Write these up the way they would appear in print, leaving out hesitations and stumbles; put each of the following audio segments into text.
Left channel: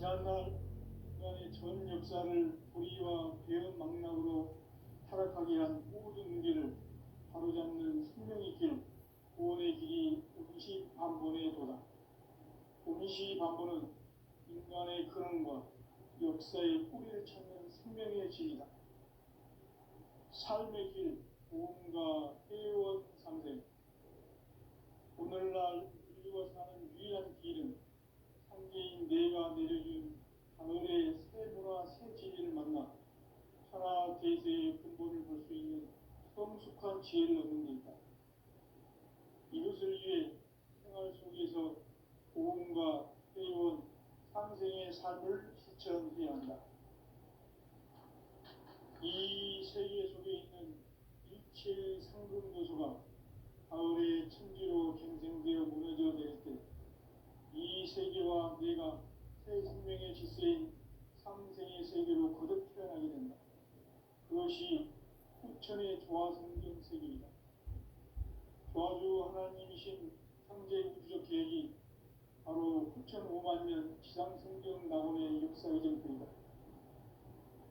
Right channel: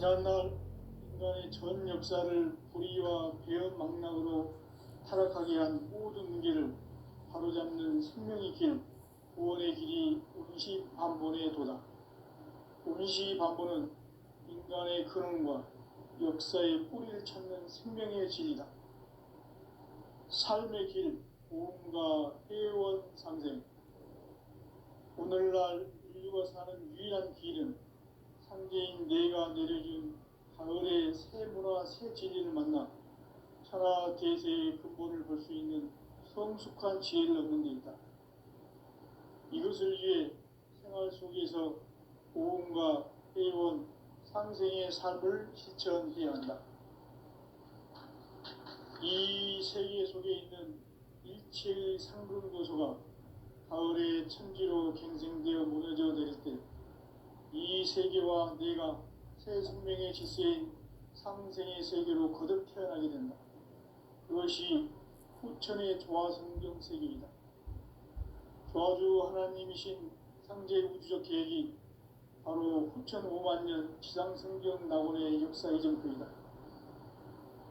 지난날 인간의 전 역사를 불의와 배은망락으로 타락하게 한 모든 문제를 바로잡는 생명의 길, 구원의 길이 운시반본에 도다. 운시반본은 인간의 근원과 역사의 뿌리를 찾는 생명의 질이다. 삶의 길, 보험과 회원 상생. 오늘날 인류가 사는 유일한 길은 상제인 내가 내려준 가을의 새 문화 새 진리를 만나 천하 대세의 근본을 볼 수 있는 성숙한 지혜를 얻는 데 있다. 이것을 위해 생활 속에서 보험과 회원, 상생의 삶을 실천해야 한다. 이 세계 속에 있는 일체의 상금 요소가 가을의 천지로 갱생되어 무너져 내릴 때 이 세계와 내가 새 생명의 질서인 상생의 세계로 거듭 태어나게 된다. 그것이 후천의 조화성경 세계이다. 조화주 하나님이신 상제 우주적 계획이 바로 후천 5만 년 지상성경 낙원의 역사 이정표이다.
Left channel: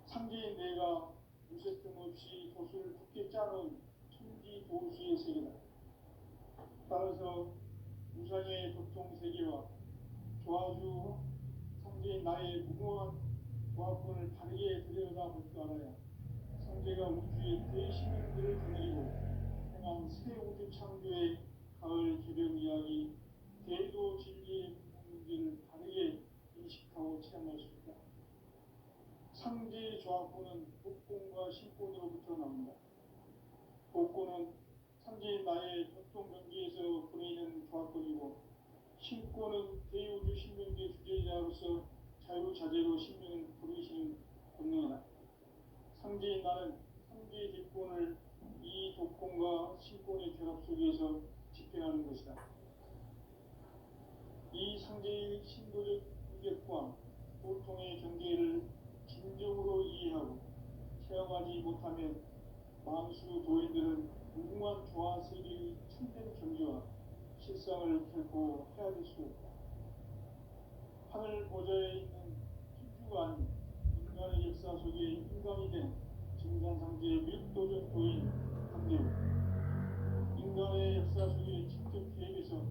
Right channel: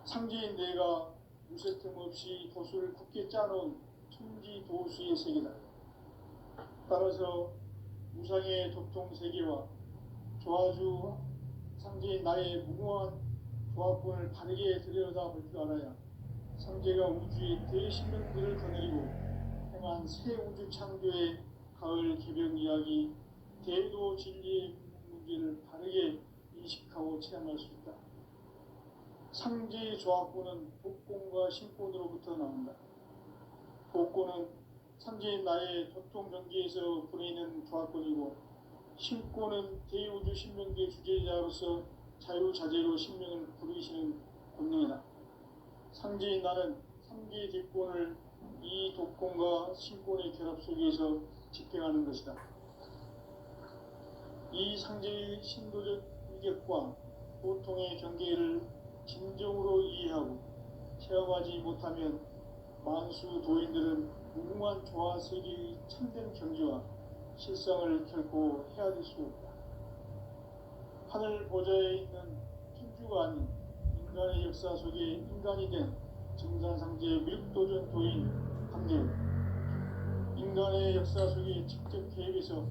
상제인 내가 무쇠 틈 없이 도수를 굳게 짜놓은 천지 도수의 세계다. 따라서 무상의 도통 세계와 조화주 상제인 나의 무궁한 조화권을 바르게 들여다볼 줄 알아야 상제가 우주의 대신명들을 거느리고 행한 새 우주 창조의 가을 개벽 이야기, 대도 진리의 문제를 바르게 인식하고 체험할 수 있다. 상제의 조화권은 복권과 신권으로부터 나온다. 복권은 상제인 나의 도통 경계에서 보내는 조화권이고, 신권은 대우주 신명계 주제자로서 자유자재로 신명을 부르시는 권능이다. 상제인 나는 상제의 뒷권을 이 독권과 신권의 결합 속에서 집행하는 것이다. 이 상제의 신도적 위격과 보통의 경계를 진정으로 이해하고 체험하지 못하면 만수 도인들은 무궁한 조화 세계의 참된 경지와 실상을 결코 헤아릴 수 없다. 하늘 보좌에 있는 천주가 아닌 인간의 역사 속에 인간이 된 정산상제의 밀도전 도인 강대우, 인간의 역사 속에 직접 개입해서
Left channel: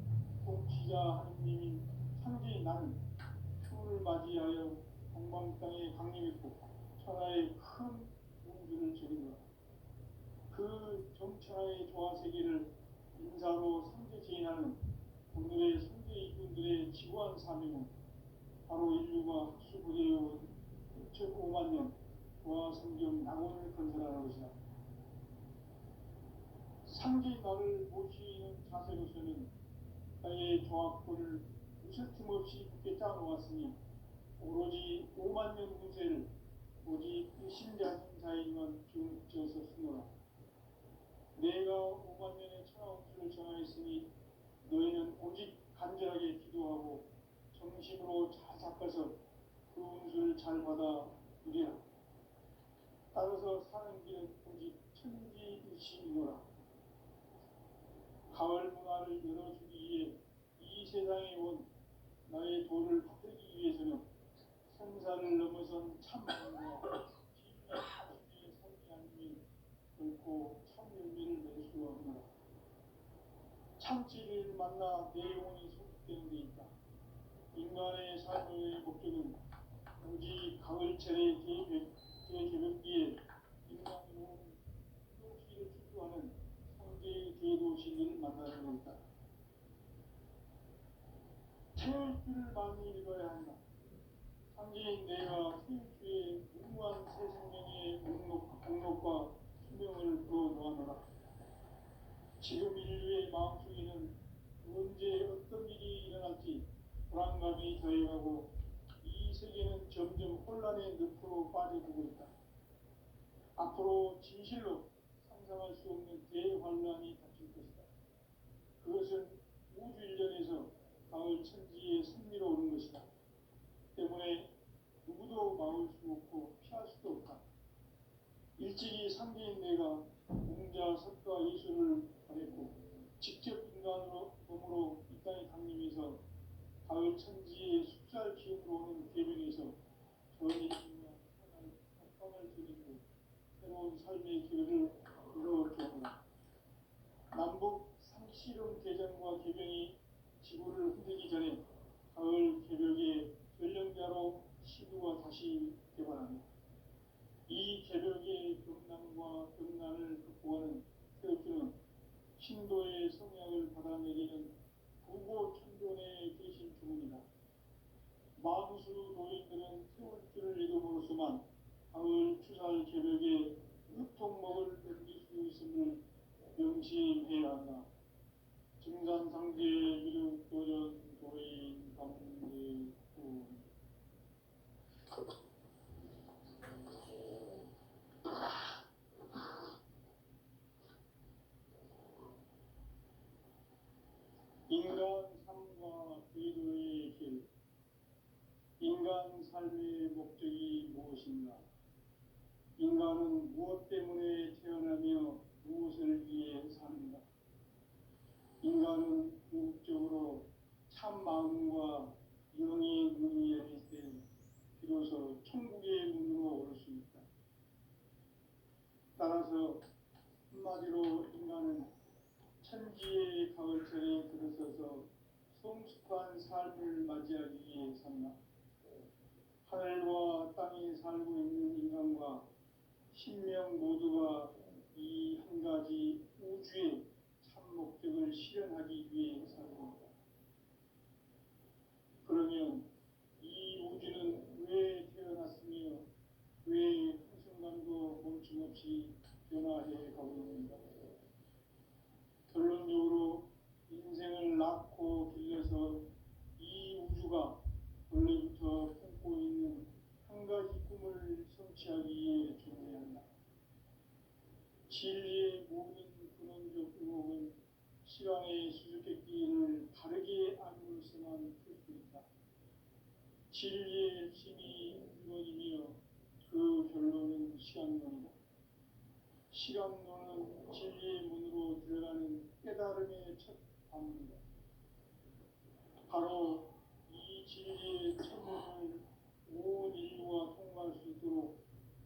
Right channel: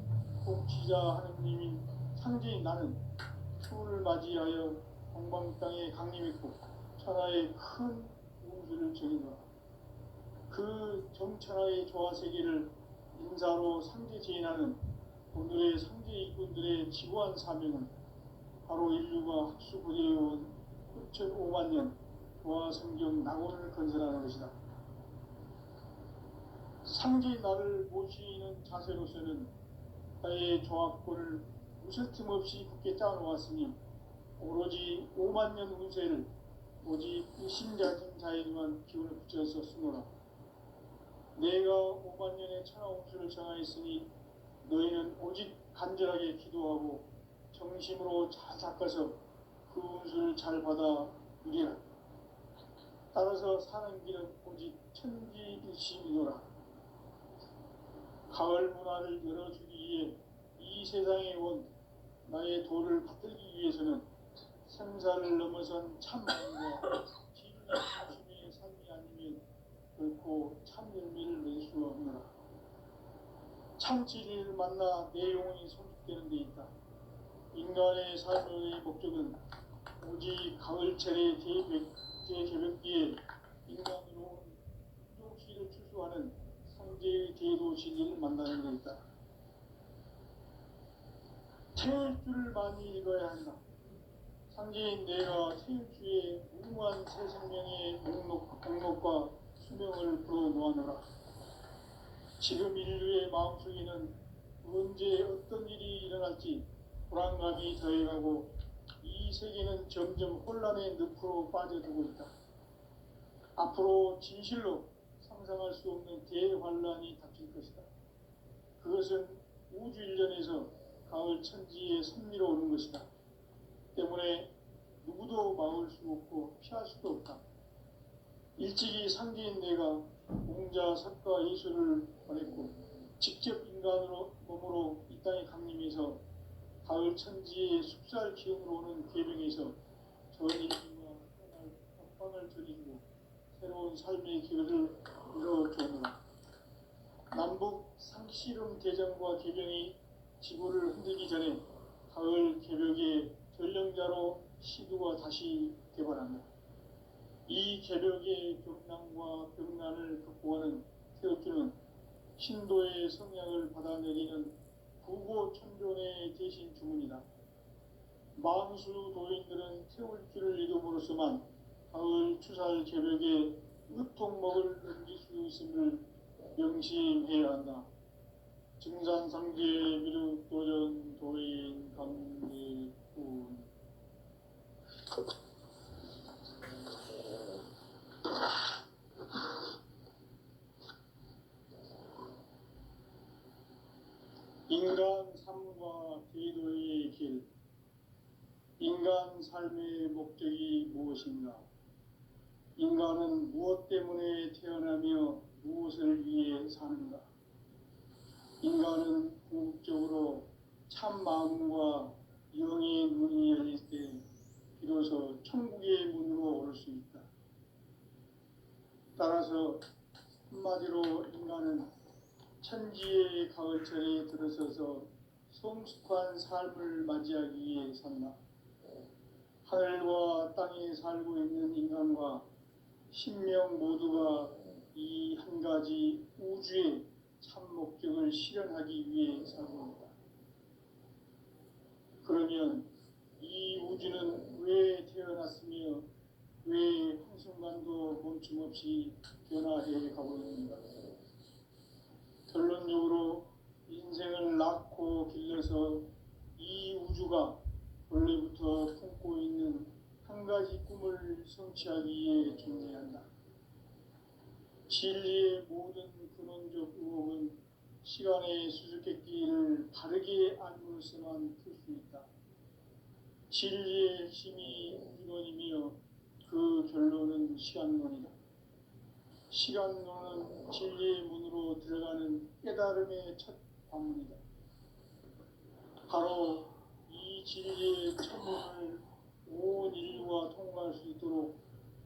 통치자 하느님인 상제인 나는 추운을 맞이하여 동방 땅에 강림했고 천하의 큰 우주를 정의노라. 그 정천하의 조화세계를 인사로 상제 제인하는 오늘의 상제 일꾼들의 지구한 사명은 바로 인류가 학수부대해온 6,5만 년 조화성경 낙원을 건설하는 것이다. 상제인 나를 모시는 자세로서는 나의 조화권을 무슨 틈 없이 굳게 짜놓았으니 오로지 5만 년 운세를 오직 일심자진 자에게만 기운을 붙여서 쓰노라. 내가 5만 년의 천하 운수를 정하였으니 너희는 오직 간절하게 기도하고 정심으로 잘 닦아서 그 운수를 잘 받아 누리라. 따라서 사는 길은 오직 천지일심이노라. 가을 문화를 열어주기 위해 이 세상에 온 나의 도를 받들기 위해서는 생사를 넘어선 참마음과 진리 중심의 삶이 아니면 결코 참 열매를 낼 수 없노라. 참 진리를 만나 내 영혼이 성숙되는 데 있다. 인간의 삶의 목적은 오직 가을철의 대개벽기에 인간으로 혹시를 추수하는 상제의 대도 진리를 만나는 데 있다. 태울 줄을 많이 읽어야 한다. 상제인 내가 태울주의 무궁한 새 생명의 목록과 수명을 불어놓아노라. 지금 인류의 마음속에는 언제 어떤 일이 일어날지 불안감이 더해가고 이 세계는 점점 혼란의 늪으로 빠져들고 있다. 앞으로 진실로 상상할 수 없는 대환란이 닥칠 것이다. 그것은 우주 일련에서 가을 천지의 섭리로 오는 것이다. 때문에 누구도 막을 수 없고 피할 수도 없다. 일찍이 상제인 내가 공자, 석가, 이수를 보냈고 직접 인간으로 몸으로 이 땅에 강림해서 가을 천지의 숲살 기운으로 오는 계명에서 전인과 협방을 저리고 새로운 삶의 기회를 이뤄주노라. 남북 상씨름 대전과 개병이 지구를 흔들기 전에 가을 개벽의 전령자로 시두가 다시 개발합니다. 이 개벽의 병난과 병난을 극복하는 태극기는 신도의 성향을 받아내리는 부고천존의 대신 주문이다. 만수 도인들은 태울기를 이름으로서만 가을 추살 개벽에 으통먹을 넘길 수 있음을 명심해야 한다. 증산상제 미륵도전 도인 강대군. 인간 삶과 대도의 길. 인간 삶의 목적이 무엇인가? 인간은 무엇 때문에 태어나며 무엇을 위해 사는가? 인간은 궁극적으로 참 마음과 영의 눈이 열릴 때 비로소 천국의 문으로 올 수 있다. 따라서 한마디로 인간은 천지의 가을철에 들어서서 성숙한 삶을 맞이하기 위해 산다. 하늘과 땅에 살고 있는 인간과 신명 모두가 이 한 가지 우주의 참 목적을 실현하기 위해 살고 있다. 그러면 이 우주는 왜 태어났으며 왜 한순간도 멈춤없이 변화해 가고 있는가? 결론적으로 인생을 낳고 길러서 이 우주가 원래부터 품고 있는 한 가지 꿈을 성취하기 위해 존재한다. 진리의 모든 근원적 의혹은 시간의 수수께끼를 바르게 알므로서만 풀 수 있다. 진리의 핵심이 우주론이며 그 결론은 시간론이다. 시간론은 진리의 문으로 들어가는 깨달음의 첫 방문이다. 바로 이 진리의 천문을 온 인류가 통과할 수 있도록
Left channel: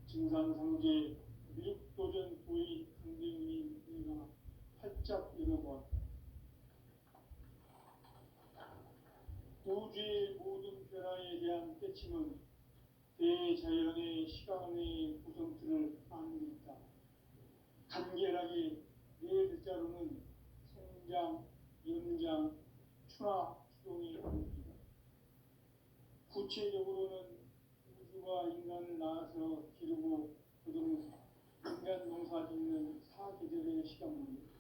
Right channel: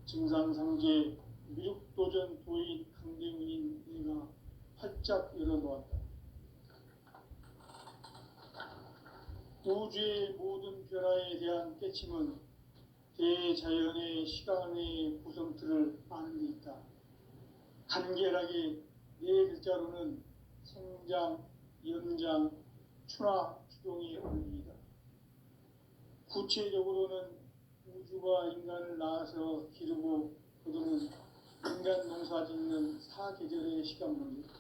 증산상제 미륵도전 도인 강대훈인 내가 활짝 열어놓았다. 우주의 모든 변화에 대한 깨침은 대자연의 시간의 구성틀을 아는 데 있다. 간결하게 네 글자로는 생장, 연장, 추나 추동이 어울립니다. 구체적으로는 우주가 인간을 낳아서 기르고 거두는 인간 농사 짓는 사계절의 시간입니다.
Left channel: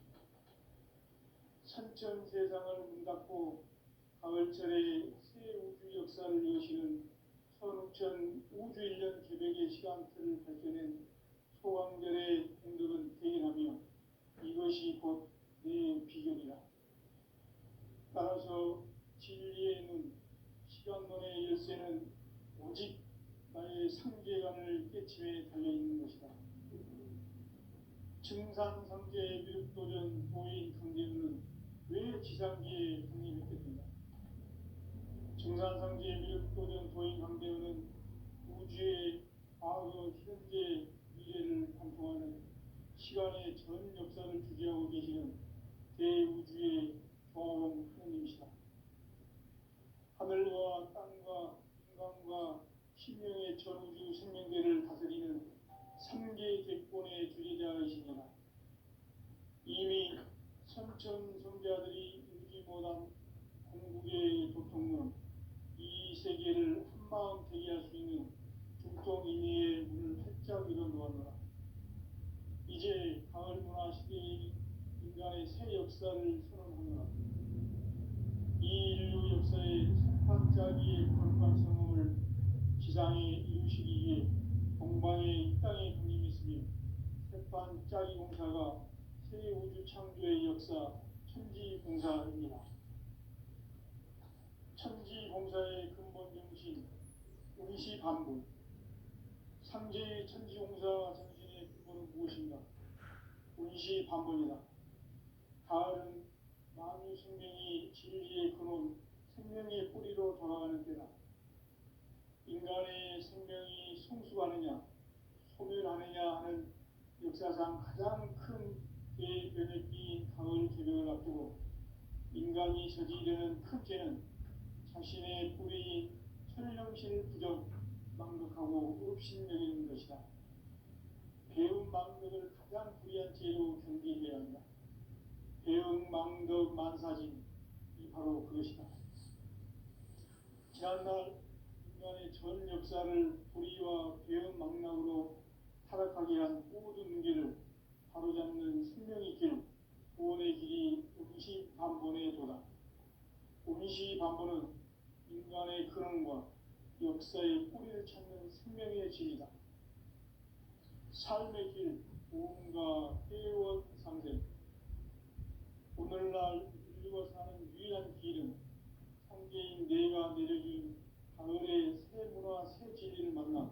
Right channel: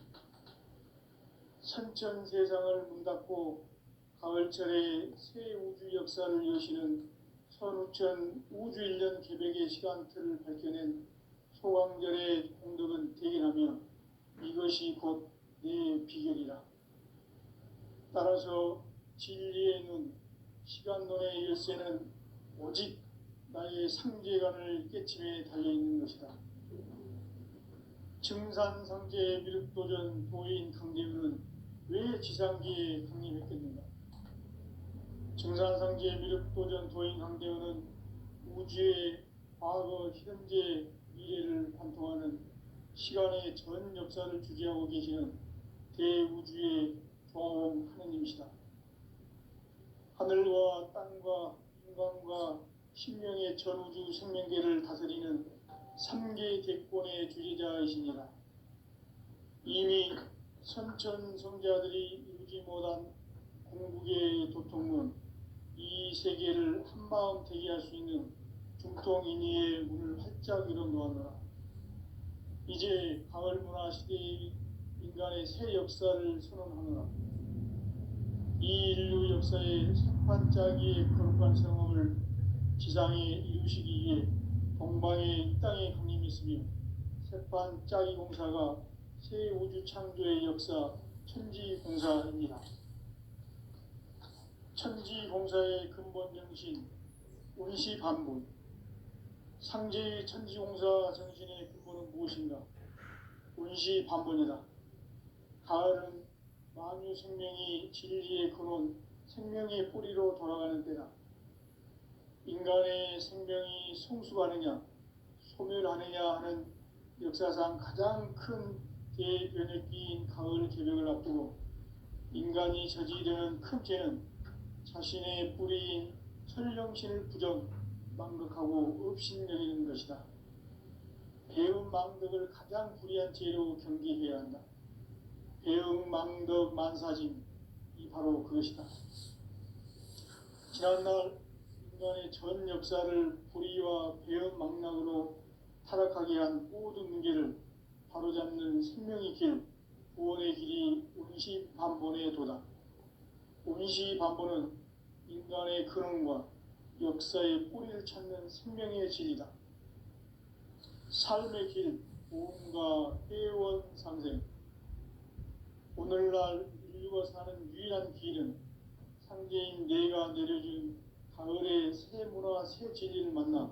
선천 세상을 문 닫고 가을철에 새 우주 역사를 여시는 선우천 우주일년 개벽의 시간틀을 밝혀낸 소강절의 공덕은 대견하며 이것이 곧 내 비결이라. 따라서 진리의 눈, 시간론의 열쇠는 오직 나의 상제관을 깨침에 달려있는 것이다. 증산상제 미륵도전 도인 강대훈은 왜 지상기에 강림했겠는가? 증산상제 미륵도전 도인 강대훈은 우주의 과거, 현재, 미래를 관통하는 시간의 전 역사를 주재하고 계시는 대우주의 조화원 하느님이시다. 하늘과 땅과 인간과 신명의 전우주 생명계를 다스리는 3개 대권의 주제자이시니라. 이미 선천성자들이 이루지 못한 공국의 도통문, 이 세계를 한마음 되게 할 수 있는 중통인의의 문을 활짝 열어놓았노라. 이제 가을 문화 시대의 인간의 새 역사를 선언하노라. 이 인류 역사의 새판짜기의 거룩한 성험을 지상에 이루시기 위해 동방의 이 땅에 강림했으며 새판짜기 공사가 새 우주 창조의 역사 천지공사입니다. 천지공사의 근본 정신 운시반복. 상제의 천지공사 정신의 근본은 무엇인가? 운시반복이다. 가을은 만유 생명이 진리의 근원 생명의 뿌리로 돌아가는 때다. 인간의 생명이 성숙하느냐 소멸하느냐 하는 역사상 가장 큰 대변혁기인 가을 개벽을 앞두고 인간이 저지르는 큰 죄는 자신의 뿌리인 천령신을 부정 망덕하고 업신여기는 것이다. 배움 망덕을 가장 불의한 죄로 경계해야 한다. 배움 망덕 만사짐이 바로 그것이다. 지난날 인간의 전 역사를 불의와 배움 망락으로 타락하게 한 모든 문제를 바로잡는 생명의 길, 구원의 길이 운시반본의 도다. 운시반본은 인간의 근원과 역사의 뿌리를 찾는 생명의 질이다. 삶의 길, 보험과 회원 상생. 오늘날 인류가 사는 유일한 길은 상제인 내가 내려준 가을의 새 문화, 새 진리를 만나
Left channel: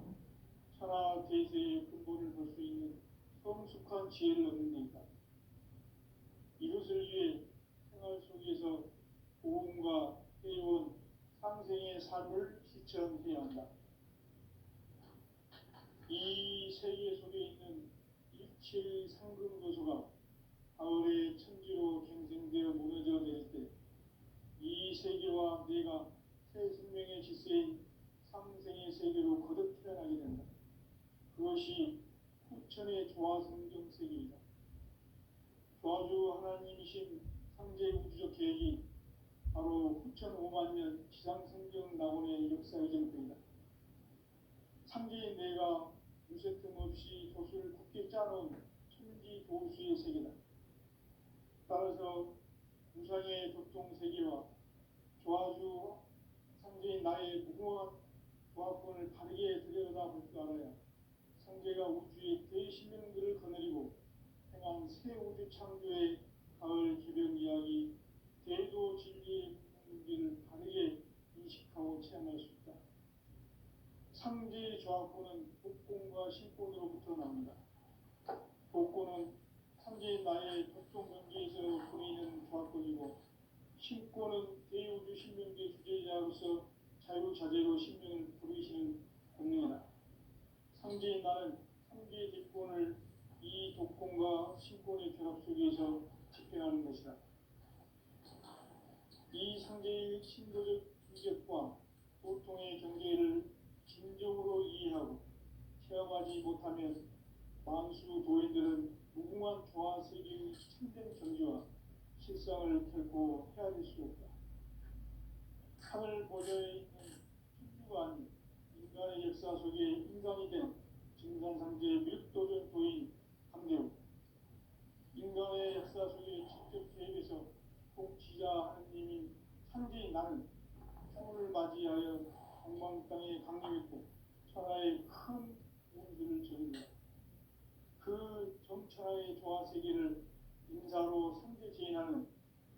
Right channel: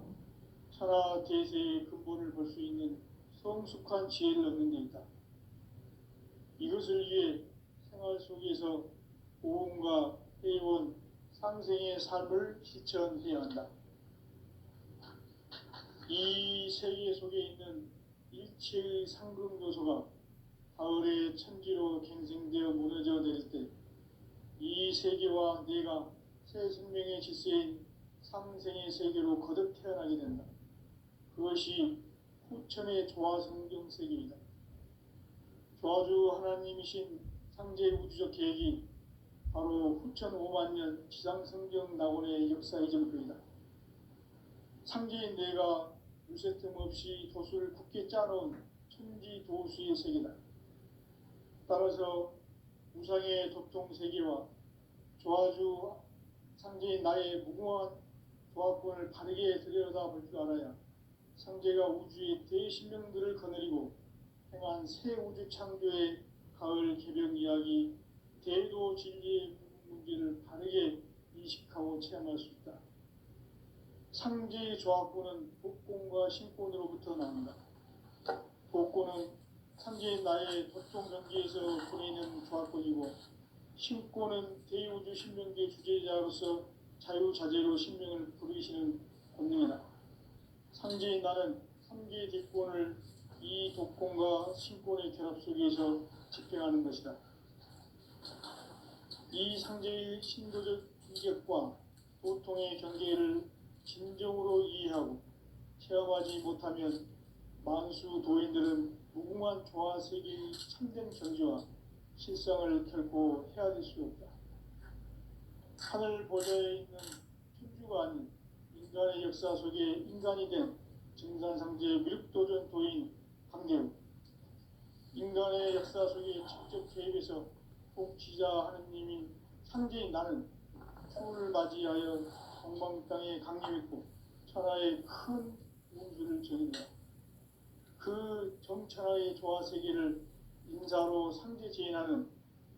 천하 대세의 근본을 볼 수 있는 성숙한 지혜를 얻는 데 있다. 이것을 위해 생활 속에서 보험과 회원, 상생의 삶을 실천해야 한다. 이 세계 속에 있는 일체의 상금 요소가 가을의 천지로 갱생되어 무너져 내릴 때 이 세계와 내가 새 생명의 질서인 상생의 세계로 거듭 태어나게 된다. 그것이 후천의 조화성경 세계이다. 조화주 하나님이신 상제 우주적 계획이 바로 후천 5만년 지상성경 낙원의 역사 이전표이다. 상제인 내가 무쇠틈 없이 도수를 굳게 짜놓은 천지 도수의 세계다. 따라서 우상의 도통 세계와 조화주 상제인 나의 무궁한 조화권을 바르게 들여다볼 줄 알아야 상제가 우주의 대신명들을 거느리고 행한 새 우주 창조의 가을 개벽 이야기, 대도 진리의 문제를 바르게 인식하고 체험할 수 있다. 상제의 조화권은 복권과 신권으로부터 나온다. 복권은 상제인 나의 도통 경계에서 보내는 조화권이고, 신권은 대우주 신명계 주제자로서 자유자재로 신명을 부르시는 권능이다. 상제인 나는 3개의 뒷권을 이 독권과 신권의 결합 속에서 집행하는 것이다. 이 상제의 신도적 인격과 도통의 경계를 진정으로 이해하고 체험하지 못하면 만수 도인들은 무궁한 조화세계의 참된 경지와 실상을 결코 헤아릴 수 없다. 하늘 보좌에 있는 천주가 아닌 인간의 역사 속에 인간이 된 증산상제의 밀도전 도인 황대우, 인간의 역사 속에 직접 개입해서 통치자 하느님인 상제인 나는 풍을 맞이하여 동방 땅에 강림했고 천하의 큰 운수를 저긴다. 그 정천하의 조화세계를 인사로 상제 제인하는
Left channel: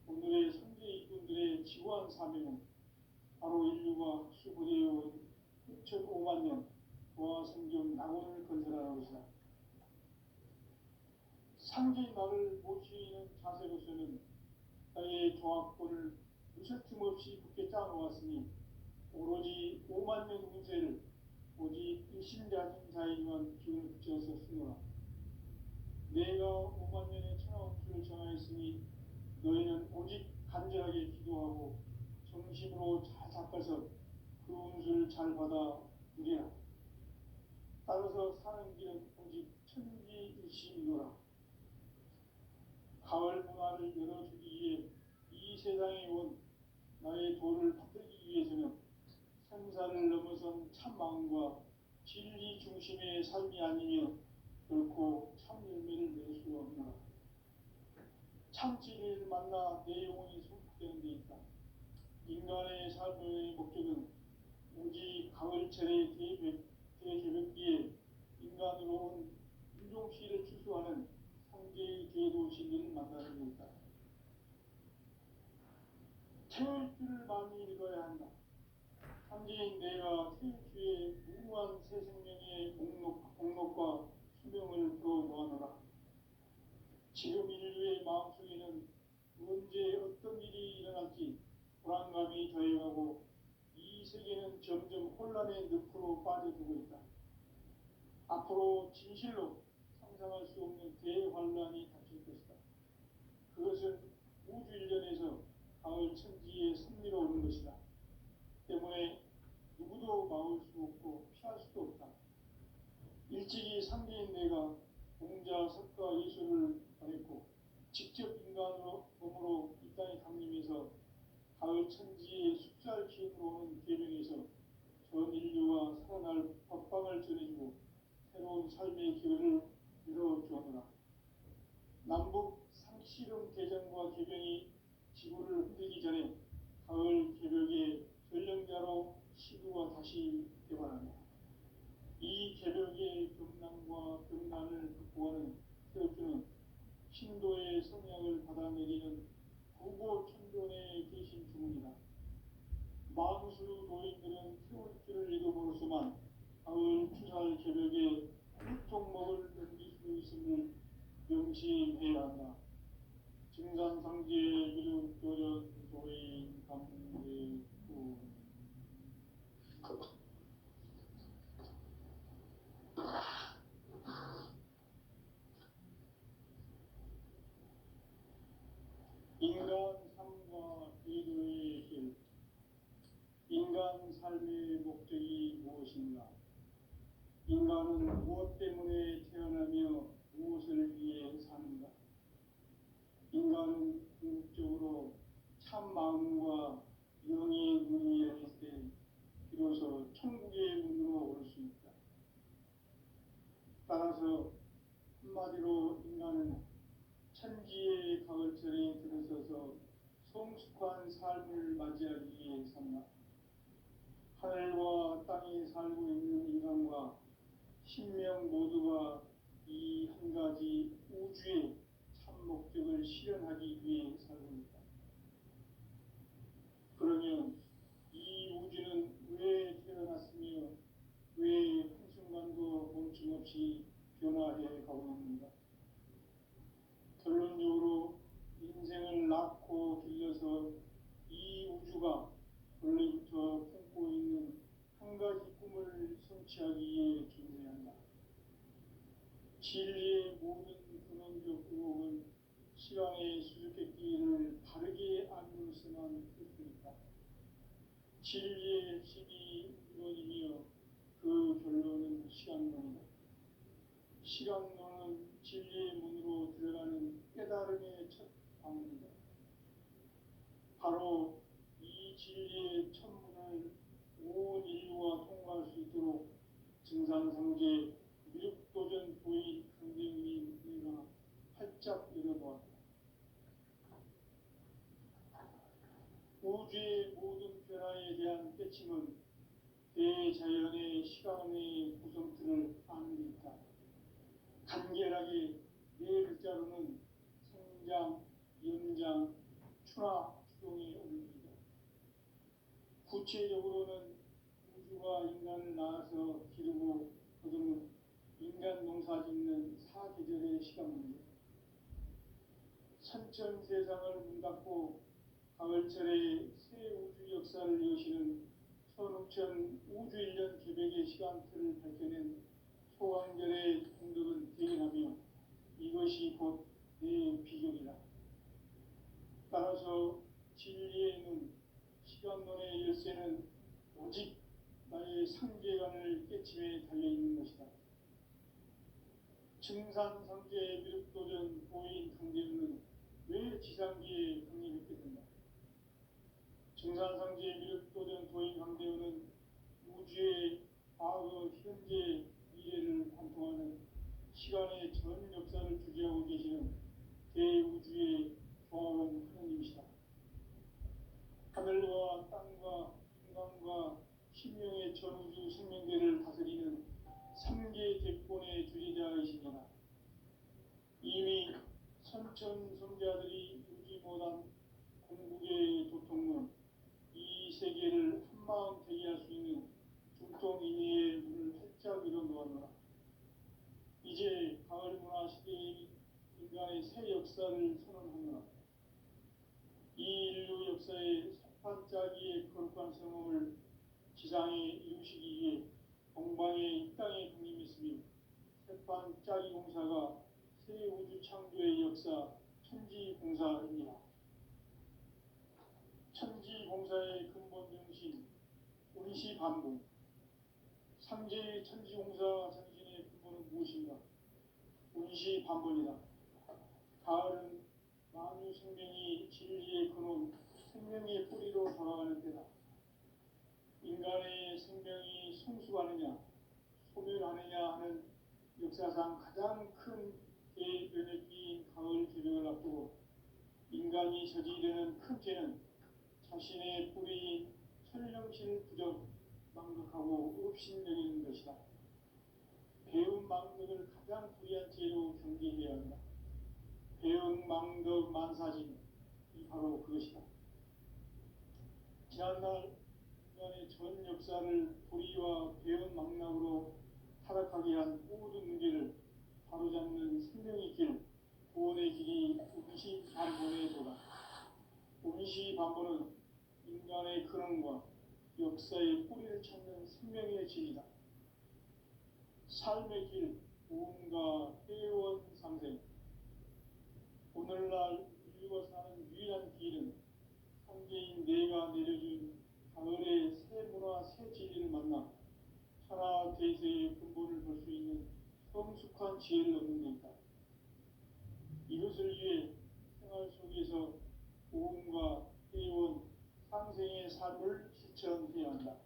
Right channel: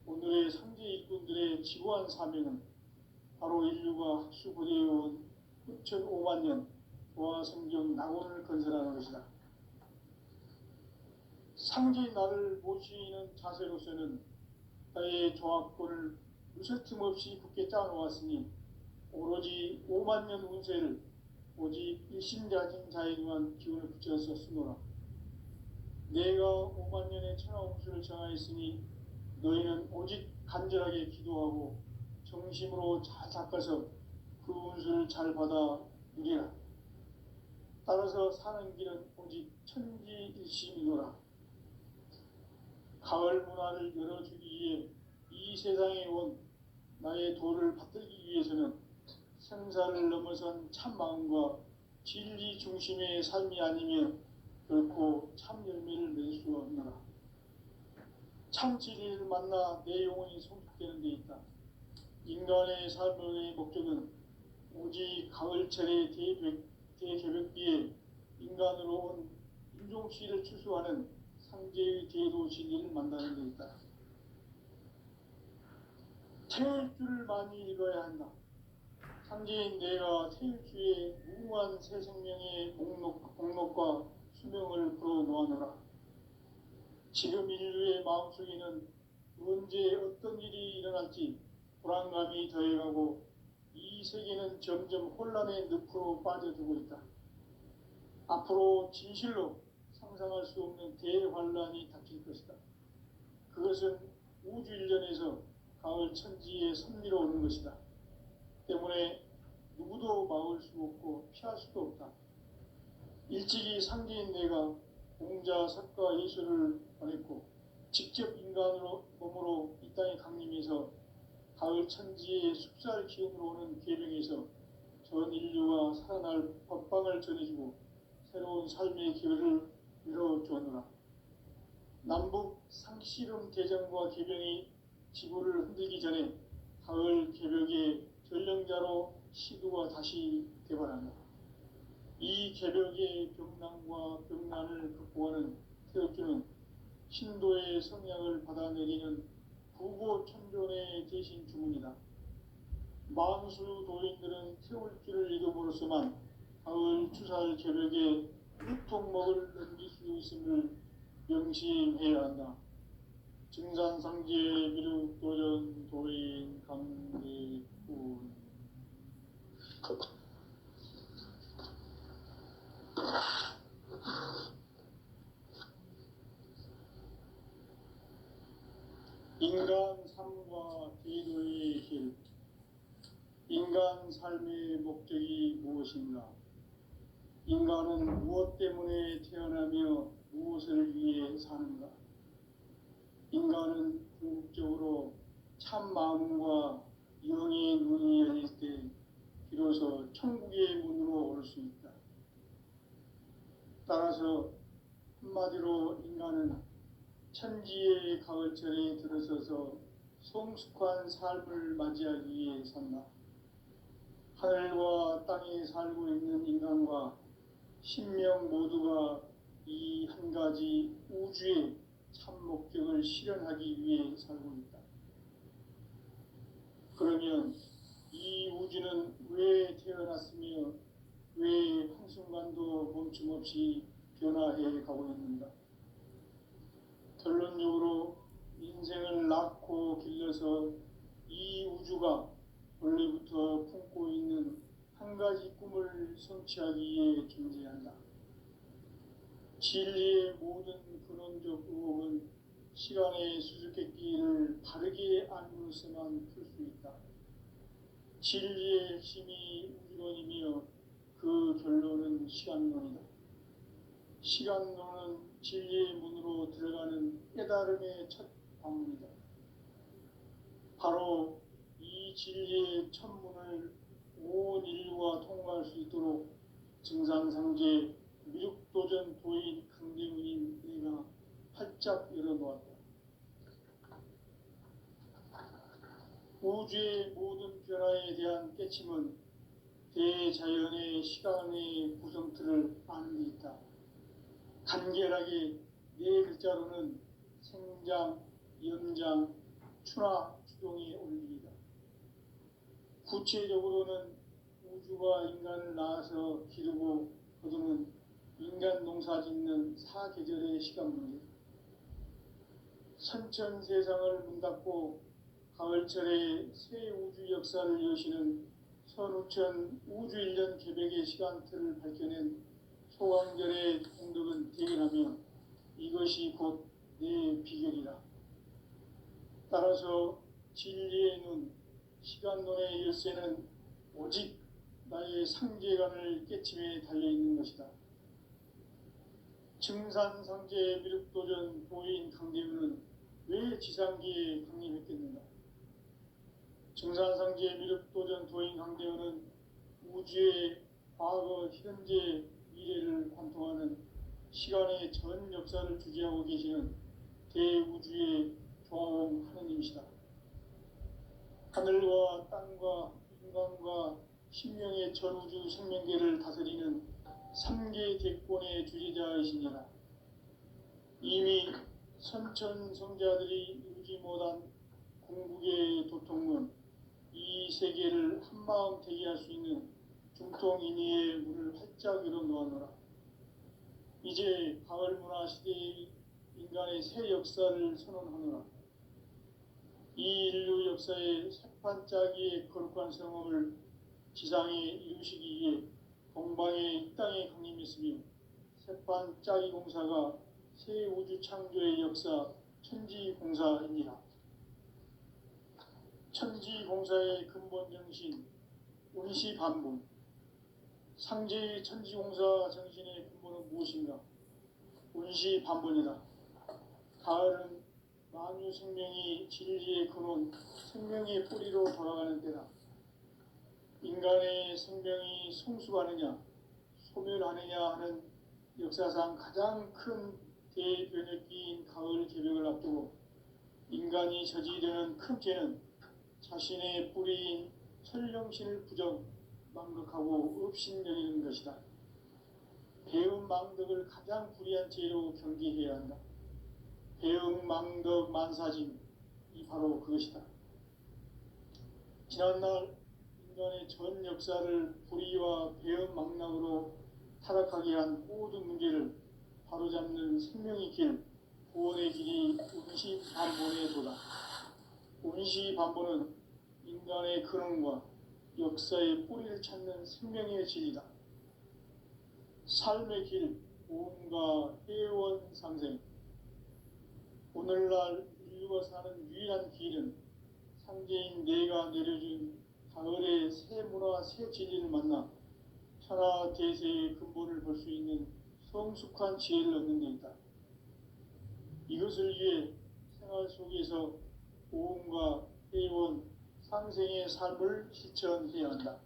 오늘의 상제 일꾼들의 지구한 사명은 바로 인류가 학수고대해온 후천 5만년 조화성경 낙원을 건설하는 것이다. 상제인 나를 모시는 자세로서는 나의 조화권을 무쇠틈 없이 굳게 짜놓았으니 오로지 5만년 운세를 오직 일심자진 자에게만 기운을 붙여서 쓰노라. 내가 5만년의 천하 운수를 정하였으니 너희는 오직 간절하게 기도하고 정심으로 잘 닦아서 그 운수를 잘 받아 누리라. 따라서 사는 길은 오직 천지일심이노라. 가을 문화를 열어주기 위해 이 세상에 온 나의 도를 받들기 위해서는 생사를 넘어선 참 마음과 진리 중심의 삶이 아니면 결코 참 열매를 맺을 수가 없노라. 참 진리를 만나 내 영혼이 성숙되는 데 있다. 인간의 삶의 목적은 오직 가을철의 대개벽기에 인간으로 온 인종씨를 추수하는 상제의 대도 진리를 만나는 데 있다. 태울 줄을 많이 읽어야 한다. 상제인 내가 태울주의 무궁한 새 생명의 목록과 수명을 불어놓아노라. 지금 인류의 마음속에는 언제 어떤 일이 일어날지 불안감이 더해가고 이 세계는 점점 혼란의 늪으로 빠져들고 있다. 앞으로 진실로 상상할 수 없는 대환란이 닥칠 것이다. 그것은 우주 일전에서 가을 천지에 선미로 오는 것이다. 때문에 누구도 막을 수 없고 피할 수도 없다. 일찍이 상계인 내가 공자, 석가, 예수를 보냈고 직접 인간으로 몸으로 이 땅에 강림해서 가을 천지의 숲살 기운으로 오는 계명에서 전 인류가 살아날 법방을 전해주고 새로운 삶의 기회를 열어주었노라. 남북 상씨름 대전과 계병이 지구를 흔들기 전에 가을 개벽의 전령자로 시도가 다시 개발한다. 이 개벽의 병난과 병난을 극복하는 태엽주는 신도의 성향을 받아내리는 부고천존의 대신 주문이다. 만수 도인들은 태울주를 읽음으로써만 가을 추살 개벽에 유통목을 넘길 수 있음을 명심해야 한다. 증산상제 미륵도전 도인 강대군 인간 삶과 기도의 길. 인간 삶의 목적이 무엇인가? 인간은 무엇 때문에 태어나며 무엇을 위해 사는가? 인간은 궁극적으로 참 마음과 영의 눈이 열릴 때 비로소 천국의 문으로 올 수 있다. 따라서 한마디로 인간은 천지의 가을철에 들어서서 성숙한 삶을 맞이하기 위해 산다. 하늘과 땅에 살고 있는 인간과 신명 모두가 이 한 가지 우주의 참 목적을 실현하기 위해 살고 있다. 그러면 이 우주는 왜 태어났으며 왜 한순간도 멈춤없이 변화해 가고 있는가? 결론적으로 인생을 낳고 길러서 이 우주가 원래부터 품고 있는 한 가지 꿈을 성취하기 위해 존재한다. 진리의 모든 근원적 의혹은 시간의 수수께끼를 바르게 알므로서만 풀 수 있다. 진리의 핵심이 우주론이며 그 결론은 시간론이다. 시간론은 진리의 문으로 들어가는 깨달음의 첫 방문이다. 바로 이 진리의 첫 문을 온 인류가 통과할 수 있도록 증산상제 미륵도전 도인 강대문인 내가 활짝 열어놓았다. 우주의 모든 변화에 대한 깨침은 대자연의 시간의 구성틀을 아는 데 있다. 간결하게 네 글자로는 생장, 연장, 추나 추동의 원리이다. 구체적으로는 우주가 인간을 낳아서 기르고 거두는 인간 농사 짓는 사계절의 시간론이다. 선천 세상을 문 닫고 가을철에 새 우주 역사를 여시는 선우천 우주 1년 개벽의 시간틀을 밝혀낸 소왕절의 공덕은 대견하며 이것이 곧 내 비결이다. 따라서 진리의 눈, 시간론의 열쇠는 오직 나의 상계관을 깨침에 달려있는 것이다. 증산상제 미륵도전 도인 강대우는 왜 지상기에 강림했겠는가? 증산상제 미륵도전 도인 강대우는 우주의 과거, 현재, 미래를 관통하는 시간의 전 역사를 주재하고 계시는 대우주의 조화원 하느님이시다. 하늘과 땅과 인간과 신명의 전우주 생명계를 다스리는 3계 대권의 주재자이시니라. 이미 선천 성자들이 이루지 못한 궁극의 도통론, 이 세계를 한마음 되게 할 수 있는 중통인의의 문을 활짝 열어놓아노라. 이제 가을 문화 시대의 인간의 새 역사를 선언하노라. 이 인류 역사의 반짝이의 거룩한 성험을 지상에 이루시기 위해 동방의 이 땅에 강림했으며 새반짝이 공사가 새 우주 창조의 역사 천지공사입니다. 천지공사의 근본 정신 운시반분. 상제의 천지공사 정신의 근본은 무엇인가? 운시반분이다. 가을은 만유 생명이 진리의 근원, 생명의 뿌리로 돌아가는 때다. 인간의 생명이 성숙하느냐, 소멸하느냐 하는 역사상 가장 큰 대변혁기인 가을 개벽을 앞두고 인간이 저지르는 큰 죄는 자신의 뿌리인 설령신을 부정, 망각하고 업신여기는 것이다. 배움 망덕을 가장 불의한 죄로 경계해야 한다. 배움 망덕 만사짐이 바로 그것이다. 지난날 인간의 전 역사를 불의와 배움 망락으로 타락하게 한 모든 문제를 바로잡는 생명의 길, 구원의 길이 운시반본의 도다. 운시반본은 인간의 근원과 역사의 뿌리를 찾는 생명의 길이다. 삶의 길, 오음과 회원 상생. 오늘날 인류가 사는 유일한 길은 상제인 내가 내려준 가을의 새 문화, 새 진리를 만나 천하 대세의 근본을 볼 수 있는 성숙한 지혜를 얻는 데 있다. 이것을 위해 생활 속에서 오음과 회원, 상생의 삶을 실천해야 한다.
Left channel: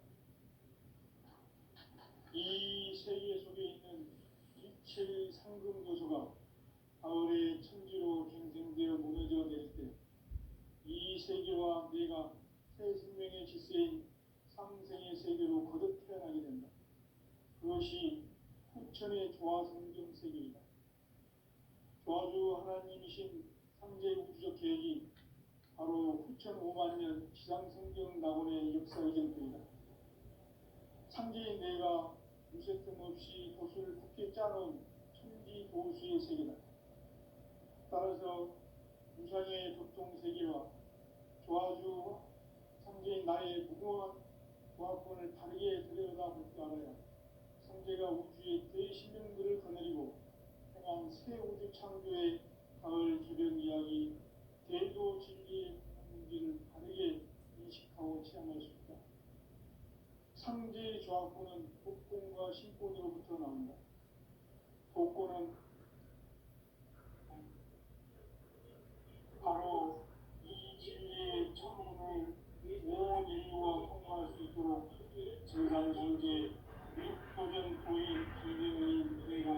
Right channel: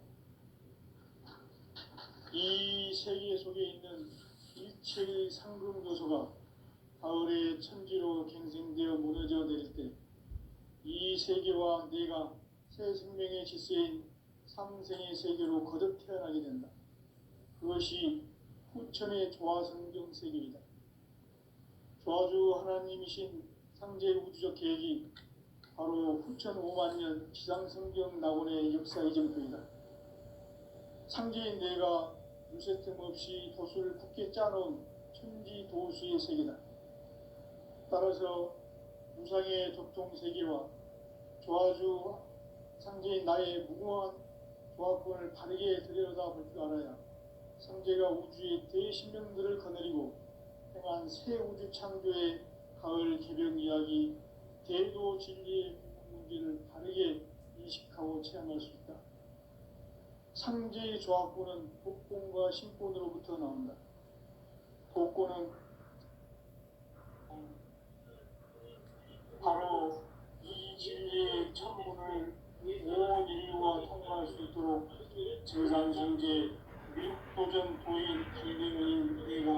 이 세계 속에 있는 일체의 상금 요소가 가을의 천지로 갱생되어 무너져 내릴 때 이 세계와 내가 새 생명의 질서인 상생의 세계로 거듭 태어나게 된다. 그것이 후천의 조화성경 세계이다. 조화주 하나님이신 상제 우주적 계획이 바로 후천 5만년 지상성경 낙원의 역사 이전부이다. 상제인 내가 무쇠틈 없이 도수를 굳게 짜놓은 천지 도수의 세계다. 따라서 무상의 도통 세계와 조화주 상제인 나의 무궁한 조화권을 바르게 들여다볼 줄 알아야 상제가 우주의 대신명들을 거느리고 행한 새 우주 창조의 가을 개벽 이야기, 대도 진리의 문제를 바르게 인식하고 체험할 수 있다. 상제의 조화권은 복권과 신권으로부터 나온다. 복권은 바로 이 진리의 천문을 온 인류와 통용할 수 있도록 증산성제 미륵도전 도인 강대문인 내가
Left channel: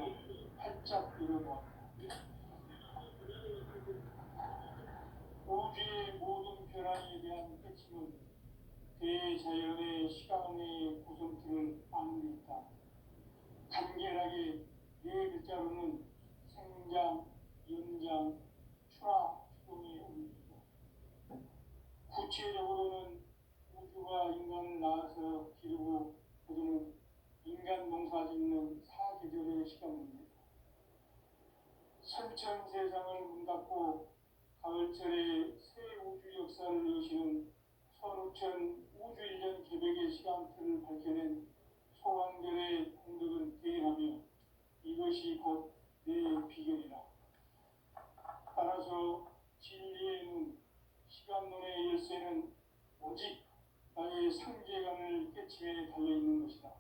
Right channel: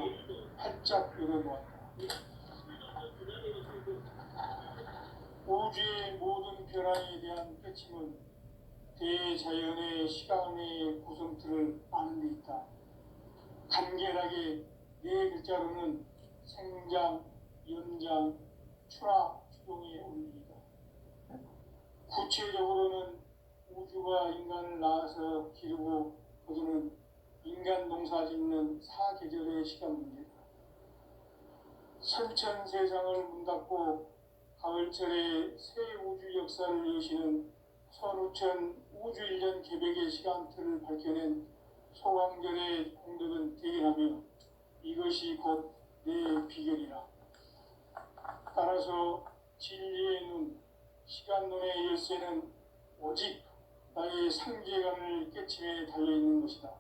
활짝 열어놓았다. 우주의 모든 변화에 대한 깨침은 대자연의 시간의 구성틀을 아는 데 있다. 간결하게 네 글자로는 생장, 연장, 추락, 추동의 원리이다. 구체적으로는 우주가 인간을 낳아서 기르고 거두는 인간 농사 짓는 사계절의 시간 문제다. 선천 세상을 문 닫고 가을철에 새 우주 역사를 여시는 선우천 우주 1년 개벽의 시간틀을 밝혀낸 소광절의 공덕은 대견하며 이것이 곧 내 비결이라. 따라서 진리의 눈, 시간론의 열쇠는 오직 나의 상제관을 깨침에 달려있는 것이다.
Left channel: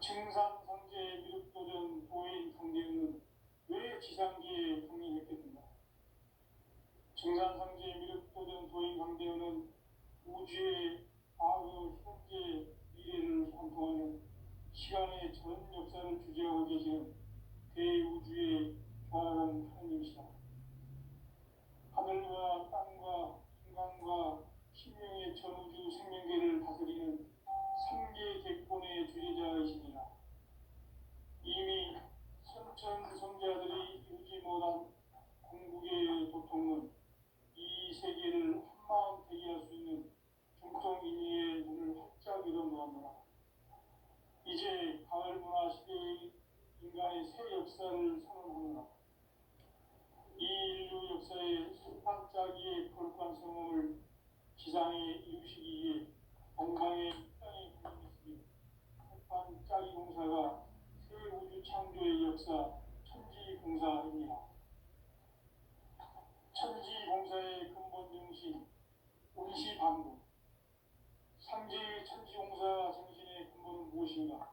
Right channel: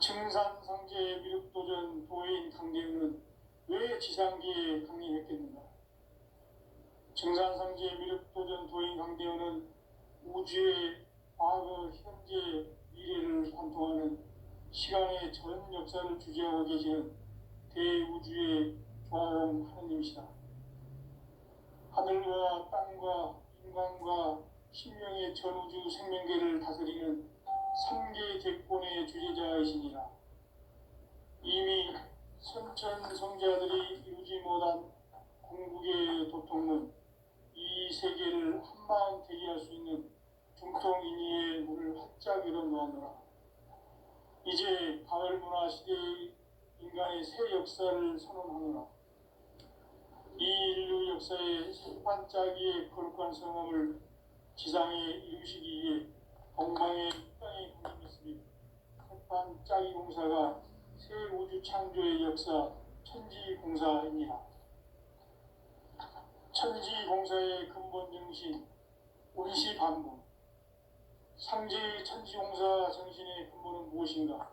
증산상제의 미륵도전 도인 강대훈은 왜 지상기에 강림했겠는가? 증산상제의 미륵도전 도인 강대훈은 우주의 과거, 현재, 미래를 관통하는 시간의 전 역사를 주재하고 계시는 대우주의 조화원 하느님이시다. 하늘과 땅과 인간과 신명의 전우주 생명계를 다스리는 삼계 대권의 주재자이시니라. 이미 선천 성자들이 이루지 못한 궁극의 도통은 이 세계를 한마음 되게 할 수 있는 중통인의의 문을 활짝 열어놓았노라. 이제 가을 문화 시대의 인간의 새 역사를 선언하노라. 이 인류 역사의 새반짝이의 거룩한 성험을 지상에 이루시기 위해 건강의 땅에 군림했으며 태판 짜기 공사가 새 우주 창조의 역사 천지공사입니다. 천지공사의 근본 정신 운시 반복. 상제의 천지공사 정신의 근본은 무엇인가?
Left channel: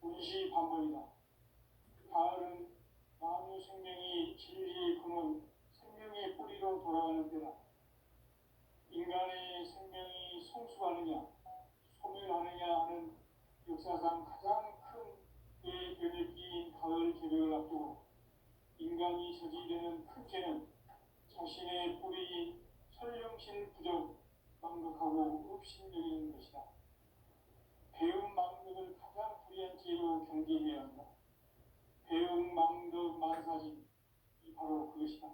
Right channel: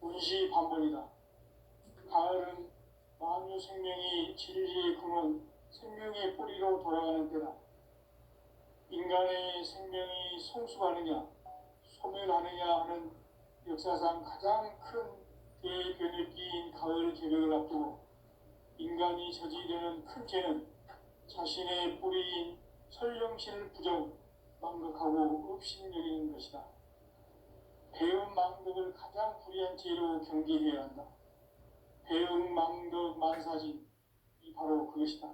운시 반복이다. 가을은 만유 생명이 진리의 근원, 생명의 뿌리로 돌아가는 때다. 인간의 생명이 성숙하느냐, 소멸하느냐 하는 역사상 가장 큰 대변혁기인 가을 개벽을 앞두고 인간이 저지르는 큰 죄는 자신의 뿌리인 설령신을 부정, 망극하고 업신여기는 것이다. 배움 망덕을 가장 불의한 죄로 경계해야 한다. 배움 망덕 만사진, 이 바로 그것이다.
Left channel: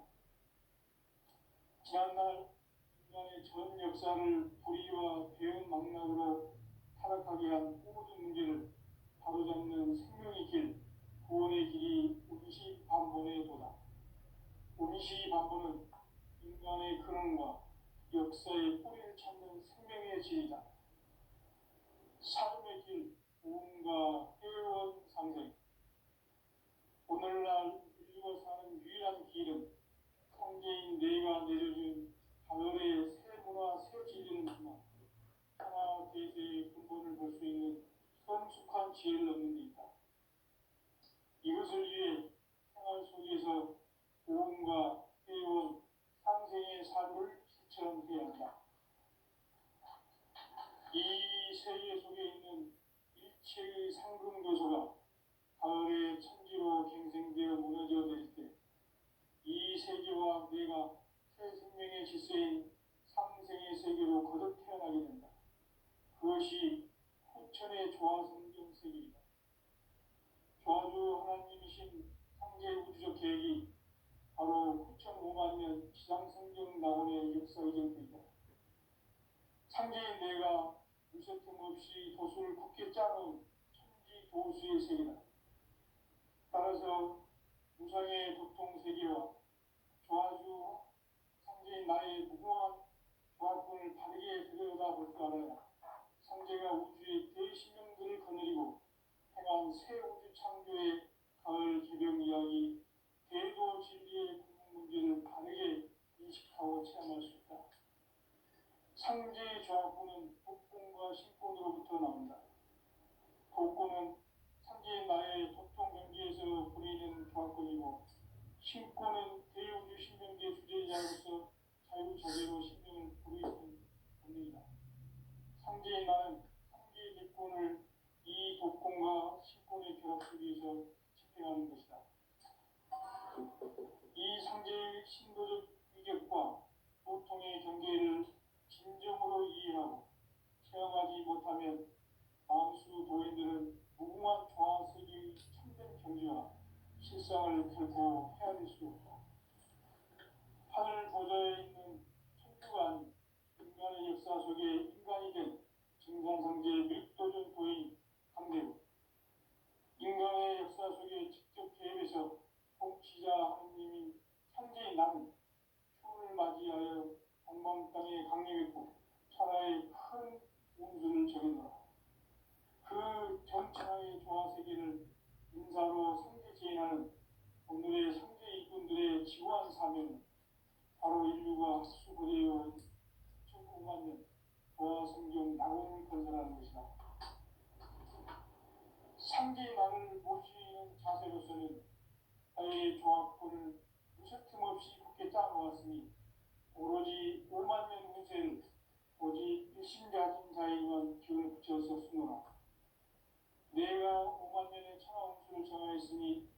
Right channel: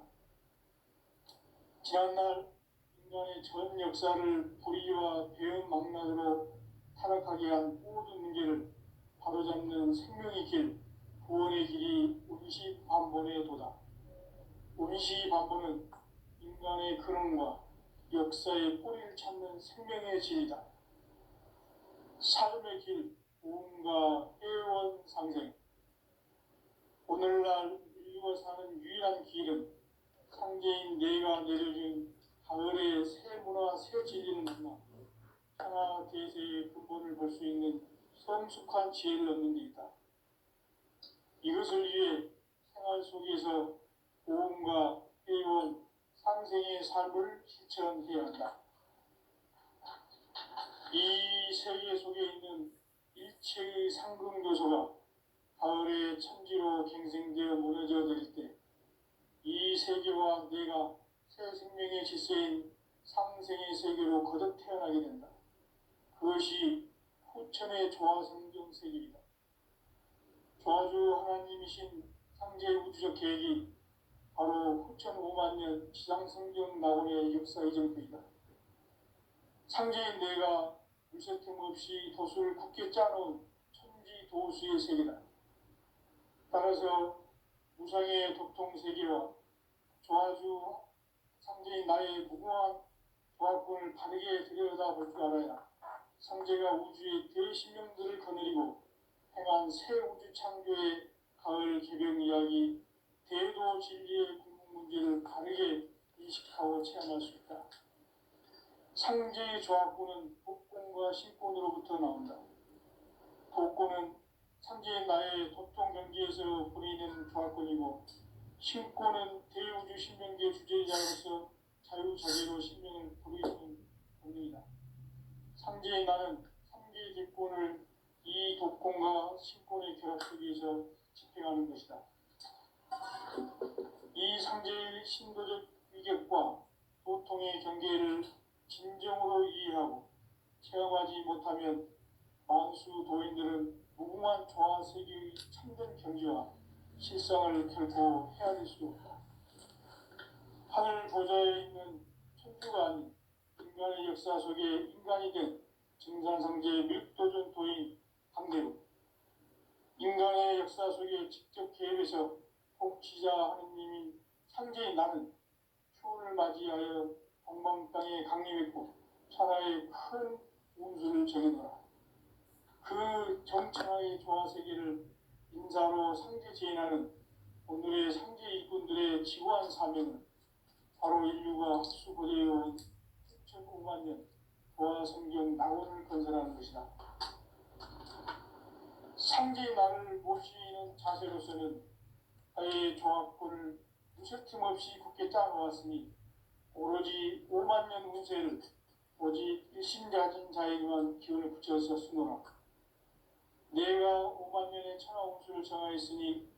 지난날 인간의 전 역사를 불의와 배움 망락으로 타락하게 한 모든 문제를 바로잡는 생명의 길, 구원의 길이 운시 반본의 도다. 운시 반본은 인간의 근원과 역사의 뿌리를 찾는 생명의 질이다. 삶의 길, 보험과 회원 상생. 오늘날 인류가 사는 유일한 길은 상제인 내가 내려준 가을의 새 문화, 새 진리는 문화, 하나 대세의 근본을 볼 수 있는 성숙한 지혜를 얻는 데 있다. 이것을 위해 생활 속에서 보험과 회원, 상생의 삶을 실천해야 한다. 이 세계 속에 있는 일체의 상금 요소가 가을의 천지로 갱생되어 무너져 내릴 때 이 세계와 내가 새 생명의 질서인 상생의 세계로 거듭 태어나게 된다. 그것이 후천의 조화성경 세계이다. 조화주 하나님이신 상제의 우주적 계획이 바로 후천 5만 년 지상성경 낙원의 역사 이정표이다. 상제인 내가 물새틈 없이 도수를 굳게 짜놓은 천지 도수의 세계다. 따라서 무상의 도통 세계와 조화주 상제인 나의 무궁한 조화권을 바르게 들여다볼 줄 알아야 상제가 우주의 대신명들을 거느리고 행한 새 우주 창조의 가을 개벽 이야기, 대도 진리의 궁극 문제를 바르게 인식하고 체험할 수 있다. 상제의 조화권은 복권과 신권으로부터 나온다. 복권은 상제인 나의 도통 경지에서 보내는 조화권이고, 신권은 대우주 신명계 주제자로서 자유자재로 신명을 부르시는 본능이다. 상제인 나는 상계 기권을 이 도권과 신권의 결합 속에서 집행하는 것이다. 이 상제의 신도적 위격과 도통의 경계를 진정으로 이해하고 체험하지 못하면 만수 도인들은 무궁한 조화 세계의 참된 경지와 실상을 결코 헤아릴 수 없다. 하늘 보좌에 있는 천주가 아닌 인간의 역사 속에 인간이 된 증산상제의 밀도전 도인 강대로 인간의 역사 속에 직접 개입해서 통치자 하느님인 상제인 나는 추운을 맞이하여 동방 땅에 강림했고 천하의 큰 운수를 정해놓아. 그 정천하의 조화세계를 인사로 상제 제인하는 오늘의 상제 일꾼들의 지구한 사명은 바로 인류가 수고되어온 6,5만 년 조화성경 낙원을 건설하는 것이다. 상제의 나를 모시는 자세로서는 아예 조화권을 무쇠틈 없이 굳게 짜놓았으니 오로지 5만 년 운세를 오직 일심가진 자에게만 기운을 붙여서 쓰노라. 내가 5만 년의 천하 운수를 정하였으니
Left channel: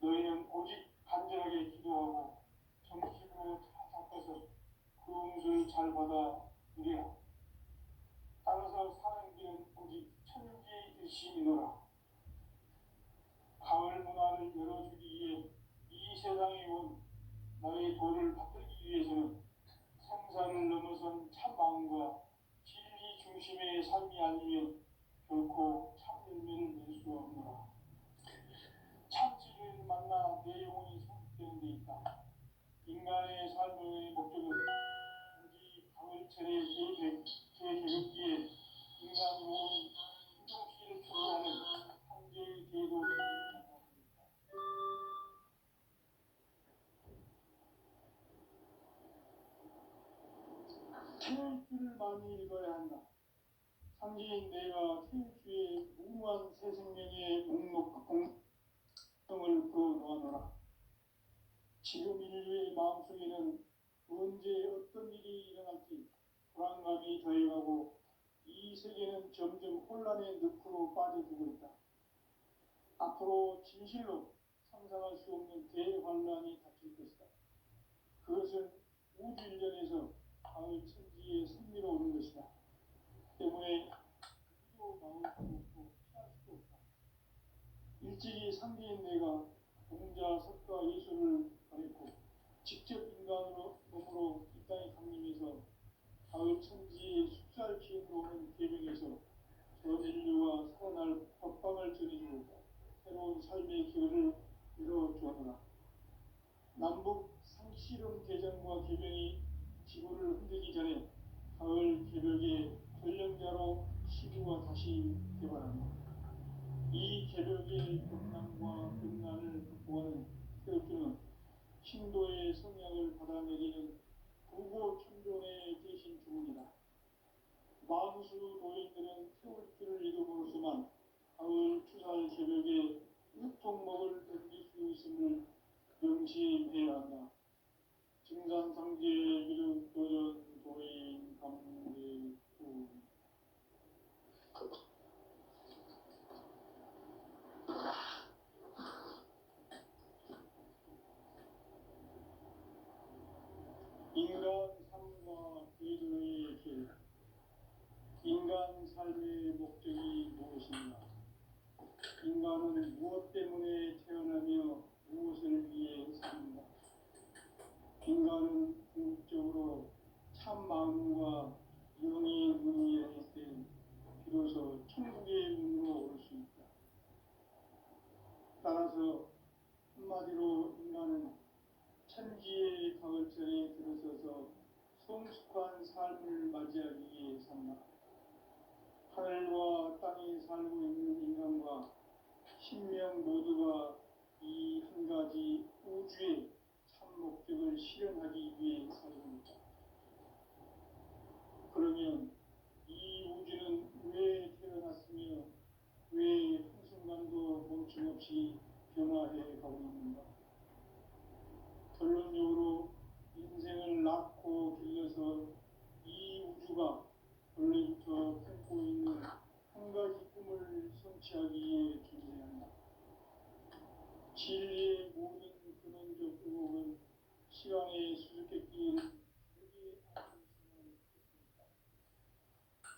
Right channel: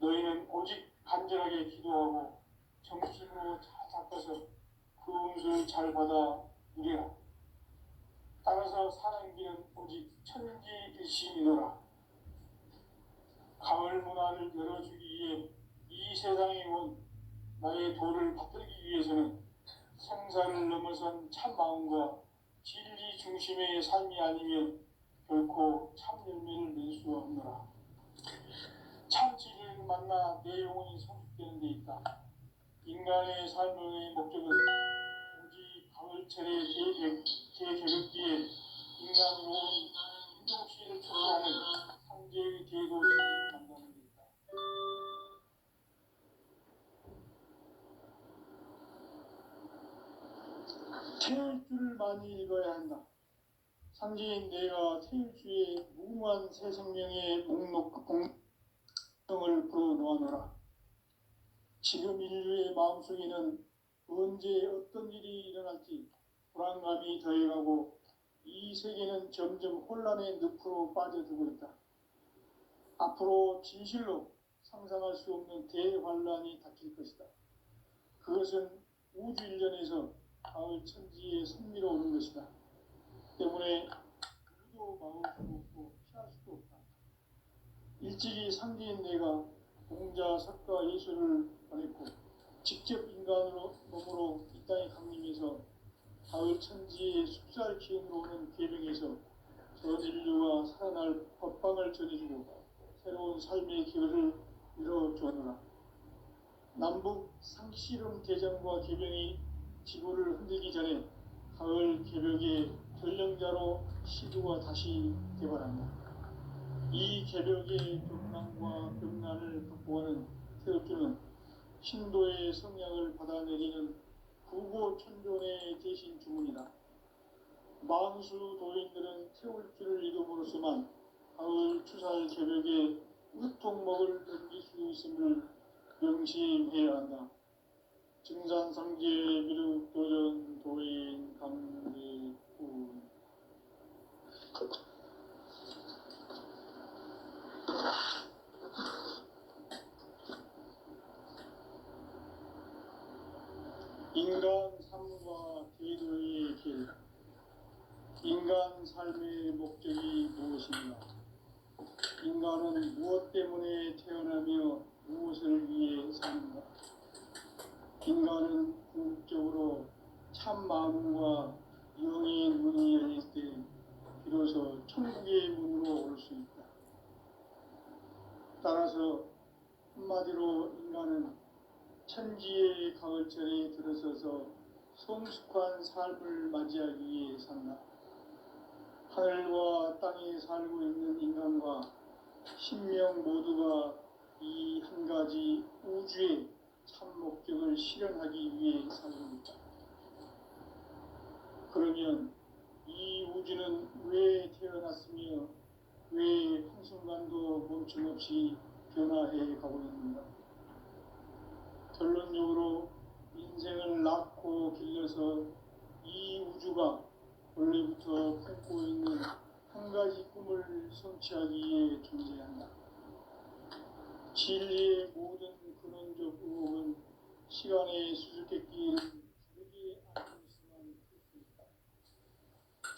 너희는 오직 간절하게 기도하고 정신으로 잘 닦아서 그 운수를 잘 받아 누리라. 따라서 사는 길은 오직 천지일심이노라. 가을 문화를 열어주기 위해 이 세상에 온 나의 도를 받들기 위해서는 생사를 넘어선 참 마음과 진리 중심의 삶이 아니면 결코 참 열매를 낼 수 없노라. 참 진리를 만나 내 영혼이 성숙되는 데 있다. 인간의 삶의 목적은 오직 가을 가을철의 제개벽지에 인간으로 온 인종주의를 추구하는 상제의 대도시를 만납니다. 태일주를 많이 읽어야 한다. 상제인 내가 태일주의 무궁한 새 생명의 목록 공통을 풀어놓아노라. 지금 인류의 마음속에는 언제 어떤 일이 일어날지 불안감이 더해가고 이 세계는 점점 혼란의 늪으로 빠져들고 있다. 앞으로 진실로 상상할 수 없는 대환란이 닥칠 것이다. 그것은 우주 일련에서 가을 천지에 선미로 오는 것이다. 때문에 우리도 막을 수도 없고 피할 수도 없다. 일찍이 상대인 내가 공자, 석가, 예수를 보냈고 직접 인간으로 몸으로 이 땅에 강림해서 가을 천지의 숲살 기운으로 오는 궤병에서 전 인류가 살아날 법방을 전해주고 새로운 삶의 기회를 이뤄주었노라. 남북 상씨름 대전과 궤병이 지구를 흔들기 전에 가을 개벽의 전령자로 시구가 다시 개발한다. 이 개벽의 벽난과 벽난을 극복하는 태극주는 신도의 성량을 받아내리는 부고천존의 대신 주문이다. 만수 도인들은 태울주를 이름으로서만 가을 추살 개벽의 으통목을 넘길 수 있음을 명심해야 한다. 증산상제 미륵도전 도인 강대군 인간 삶과 대도의 길. 인간 삶의 목적이 무엇인가? 인간은 무엇 때문에 태어나며 무엇을 위해 사는가? 인간은 궁극적으로 참 마음과 영의 문이 열릴 때 비로소 천국의 문으로 올 수 있다. 따라서 한마디로 인간은 천지의 가을철에 들어서서 성숙한 삶을 맞이하기 위해 산다. 하늘과 땅에 살고 있는 인간과 신명 모두가 이 한 가지 우주의 참 목적을 실현하기 위해 살립니다. 그러면 이 우주는 왜 태어났으며 왜 한순간도 멈춤없이 변화해 가고 있는가? 결론적으로 인생을 낳고 길러서 이 우주가 원래부터 품고 있는 한 가지 꿈을 성취하기 위해 존재한다. 진리의 모든 근원적 의혹은 시간의 수수께끼를 부르게 안고 있으면 좋습니다.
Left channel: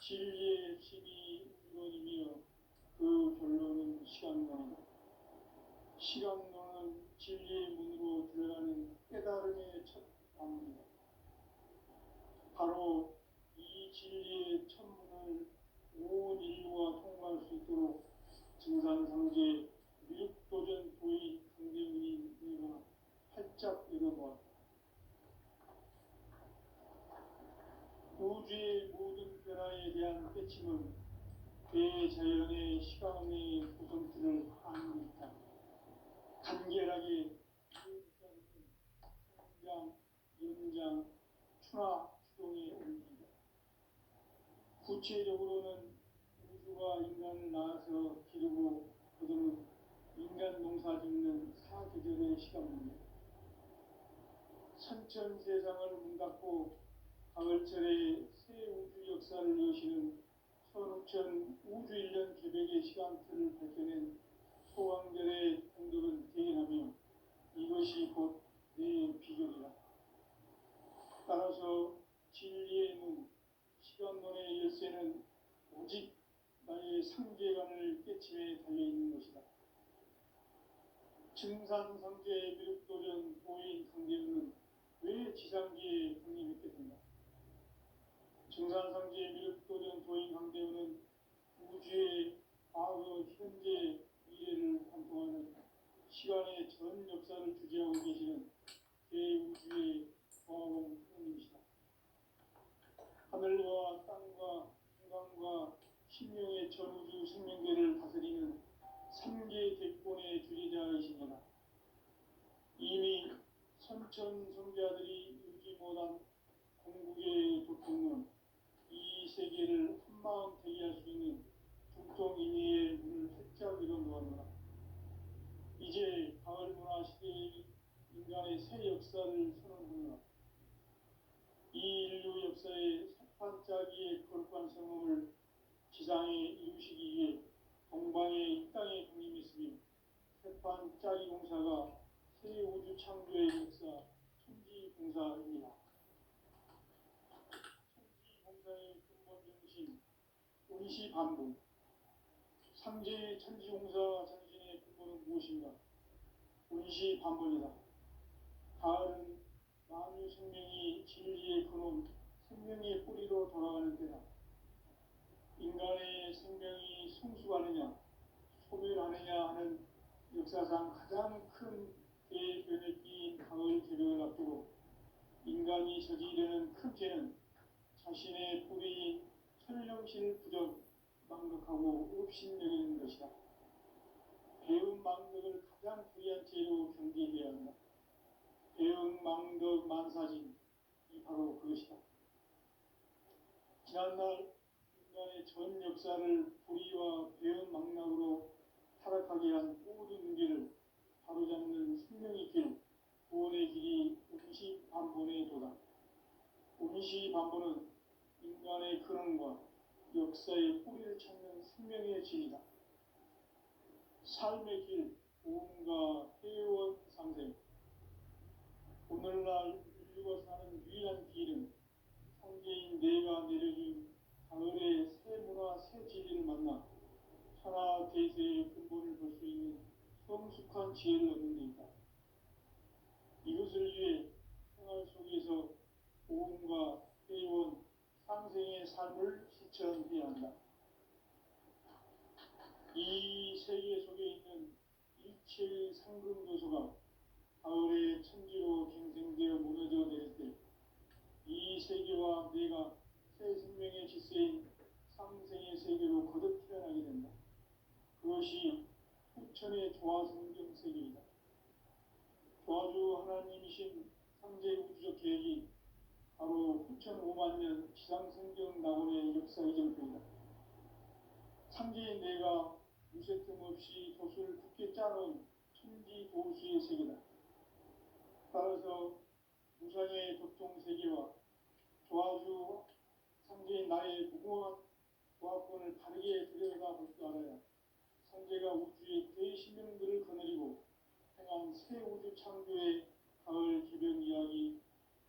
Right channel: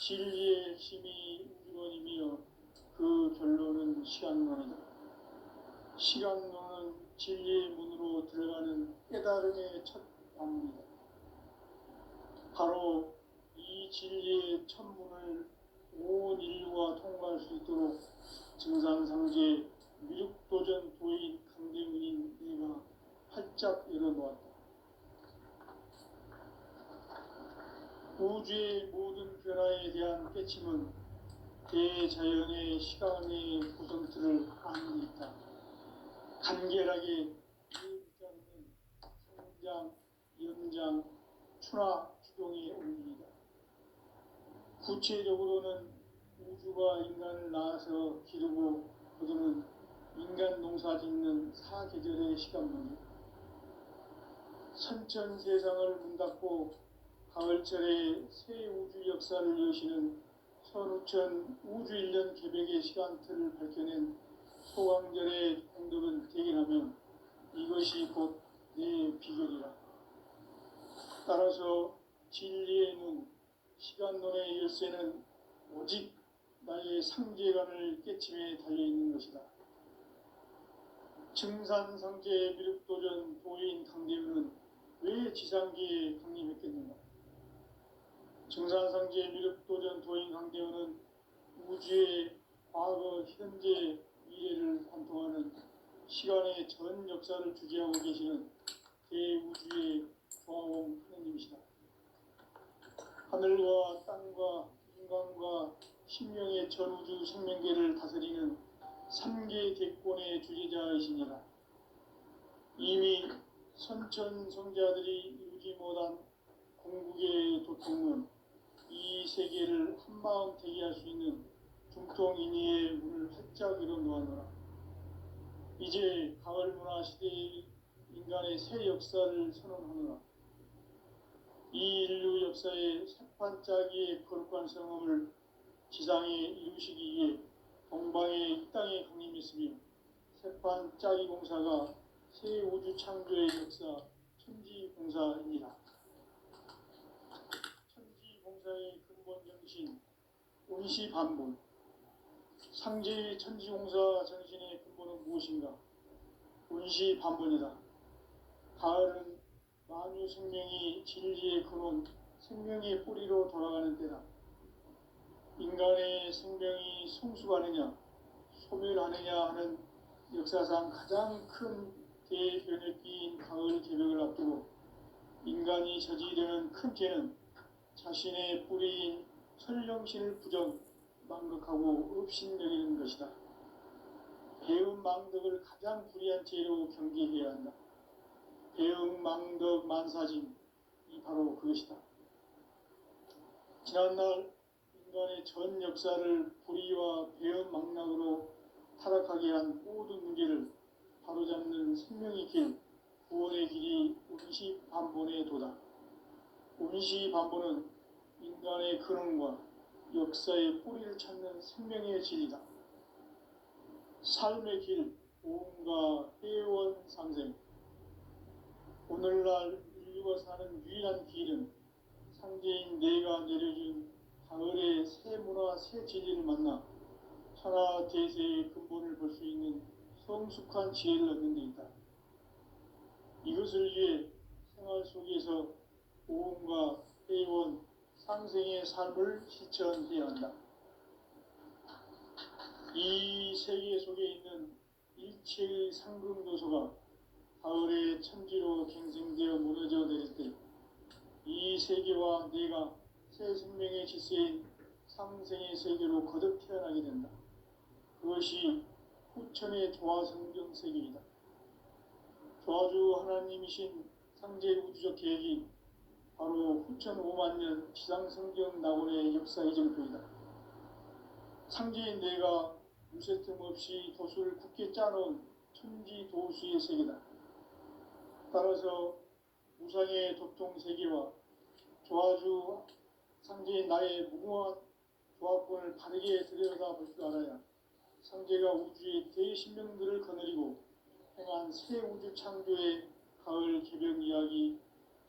진리의 핵심이 우주론이며 그 결론은 시간론이다. 시간론은 진리의 문으로 들어가는 깨달음의 첫 방문이다. 바로 이 진리의 천문을 온 인류가 통과할 수 있도록 증산상제 미륵도전 도인 강대문인 내가 활짝 열어놓았다. 우주의 모든 변화에 대한 깨침은 대자연의 시간의 구성틀을 아는 있다. 간결하게 이어붙자는 성장, 연장, 추나 추동의 원리이다. 구체적으로는 우주가 인간을 낳아서 기르고 거두는 인간 농사 짓는 사계절의 시간론이다. 선천 세상을 문 닫고 가을철에 새 우주 역사를 여시는 선우천 우주일년 개벽의 시간틀을 밝혀낸 소강절의 공덕은 대견하며 이것이 곧 내 비결이라. 따라서 진리의 문, 시간론의 열쇠는 오직 나의 상제관을 깨침에 달려있는 것이다. 증산상제 미륵도전 도인 강대문은 왜 지상기에 강림했겠는가? 증산상제 미륵도전 도인 강대문은 우주의 과거, 현재, 미래를 관통하는 시간의 전 역사를 주재하고 계시는 대우주의 조화공 하느님이시다. 하늘과 땅과 인간과 신명의 전우주 생명계를 다스리는 삼계 대권의 주제자이시니라. 이미 선천성자들이 이루지 못한 공국의 도통은 이 세계를 한마음 되게 할 수 있는 중통인의의 문을 활짝 열어놓았노라. 이제 가을 문화 시대의 인간의 새 역사를 선언하노라. 이 인류 역사의 새판짜기의 거룩한 성험을 지상에 이루시기 위해 동방의 이 땅에 강림했으며 새판짜기 공사가 새 우주 창조의 역사 천지공사입니다. 천지공사의 근본 정신 운시반본. 상제의 천지공사 정신의 근본은 무엇인가? 운시반본이다. 가을은 만유 생명이 진리의 근원, 생명의 뿌리로 돌아가는 때다. 인간의 생명이 성숙하느냐, 소멸하느냐 하는 역사상 가장 큰 대변혁기인 가을 개벽을 앞두고 인간이 저지르는 큰 죄는 자신의 뿌리인 설령신을 부정, 망극하고 업신여기는 것이다. 배음 망덕을 가장 불의한 죄로 경계해야 한다. 배음 망덕 만사진이 바로 그것이다. 지난날 인간의 전 역사를 불의와 배음 망락으로 타락하게 한 모든 문제를 바로잡는 생명의 길, 구원의 길이 운시반본의 도다. 운시반본은 인간의 근원과 역사의 뿌리를 찾는 생명의 진리다. 삶의 길, 보험과 회원 상생. 오늘날 인류가 사는 유일한 길은 상제인 내가 내려준 가을의 새 문화, 새 진리를 만나 천하 대세의 근본을 볼 수 있는 성숙한 지혜를 얻는 데 있다. 이것을 위해 생활 속에서 보험과 회원, 상생의 삶을 실천해야 한다. 이 세계 속에 있는 일체의 상금 요소가 가을의 천지로 갱생되어 무너져 내릴 때 이 세계와 내가 새 생명의 질서인 상생의 세계로 거듭 태어나게 된다. 그것이 후천의 조화성경 세계이다. 조화주 하나님이신 상제 우주적 계획이 바로 후천 5만 년 지상성경 낙원의 역사 이정표이다. 상제인 내가 무쇠틈 없이 도수를 굳게 짜놓은 천지 도수의 세계다. 따라서 무상의 도통 세계와 조화주 상제인 나의 무궁한 조합권을 바르게 들여다볼 줄 알아야 상제가 우주의 대신명들을 거느리고 행한 새 우주 창조의 가을 개벽 이야기,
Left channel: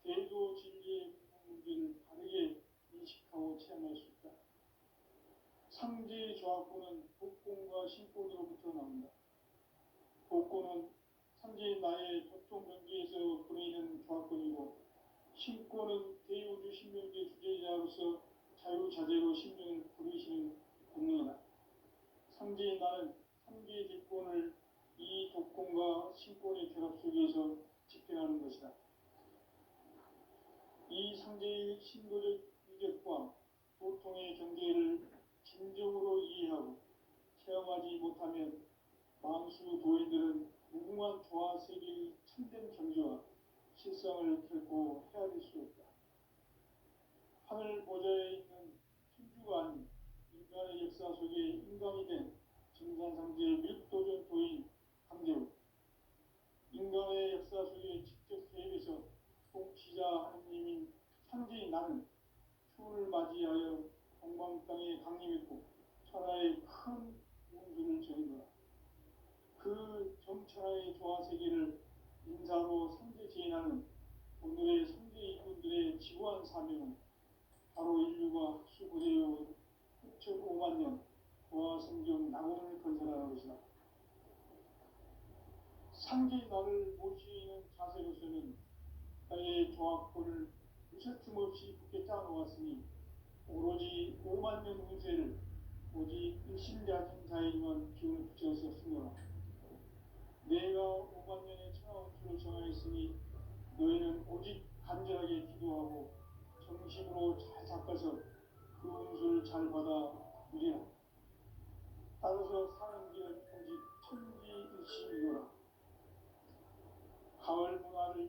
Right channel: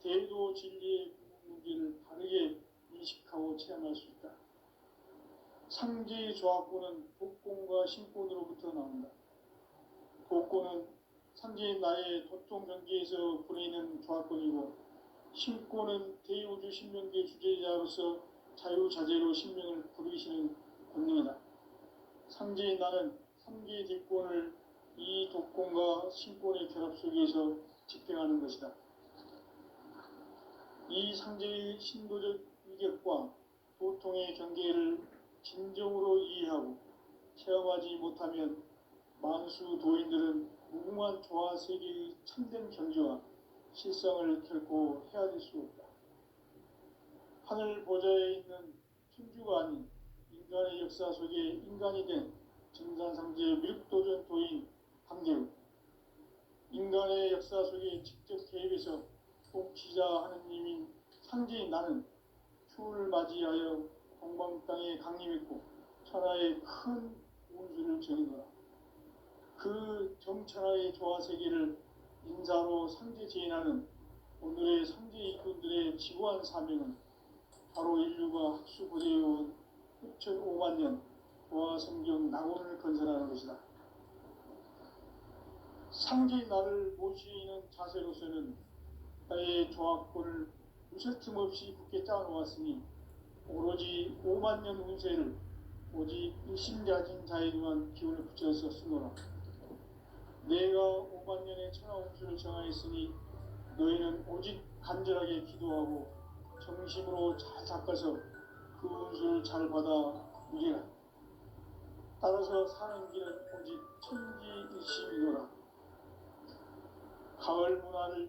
대도 진리의 문제를 바르게 인식하고 체험할 수 있다. 상제의 조합권은 복권과 신권으로부터 나온다. 복권은 상제인 나의 도통 경계에서 부리는 조합권이고, 신권은 대우주 신명계 주제자로서 자유자재로 신명을 부르시는 권능이다. 상제인 나는 3개의 대권을 이 독권과 신권의 결합 속에서 집행하는 것이다. 이 상제의 신도적 위격과 도통의 경계를 진정으로 이해하고 체험하지 못하면 만수 도인들은 무궁한 조화 세계의 참된 경지와 실상을 결코 헤아릴 수 없다. 하늘 보좌에 있는 천주가 아닌 인간의 역사 속에 인간이 된 정산상제 묘도전 도인 강대우, 인간의 역사 속에 직접 개입해서 통치자 하느님인 상제인 나는 추를 맞이하여 동방 땅에 강림했고 천하의 큰 운수를 정인노라. 그 정천하의 조화세계를 인사로 상제 제인하는 오늘의 상제 일꾼들의 지구한 사명은 바로 인류가 학수고대해온 6,5만 년 조화성경 낙원을 건설하는 것이다. 상제인 나를 모시는 자세로서는 나의 조합권을 무쇠틈 없이 굳게 짜놓았으니 오로지 5만 년 운세를 오직 일심자진 자에게만 기운을 붙여서 쓰노라. 내가 5만 년의 천하 운수를 정하였으니 너희는 오직 간절하게 기도하고 정심으로 잘 닦아서 그 은수를 잘 받아 누리라. 따라서 사는 길은 오직 천지일심이노라. 가을 문화를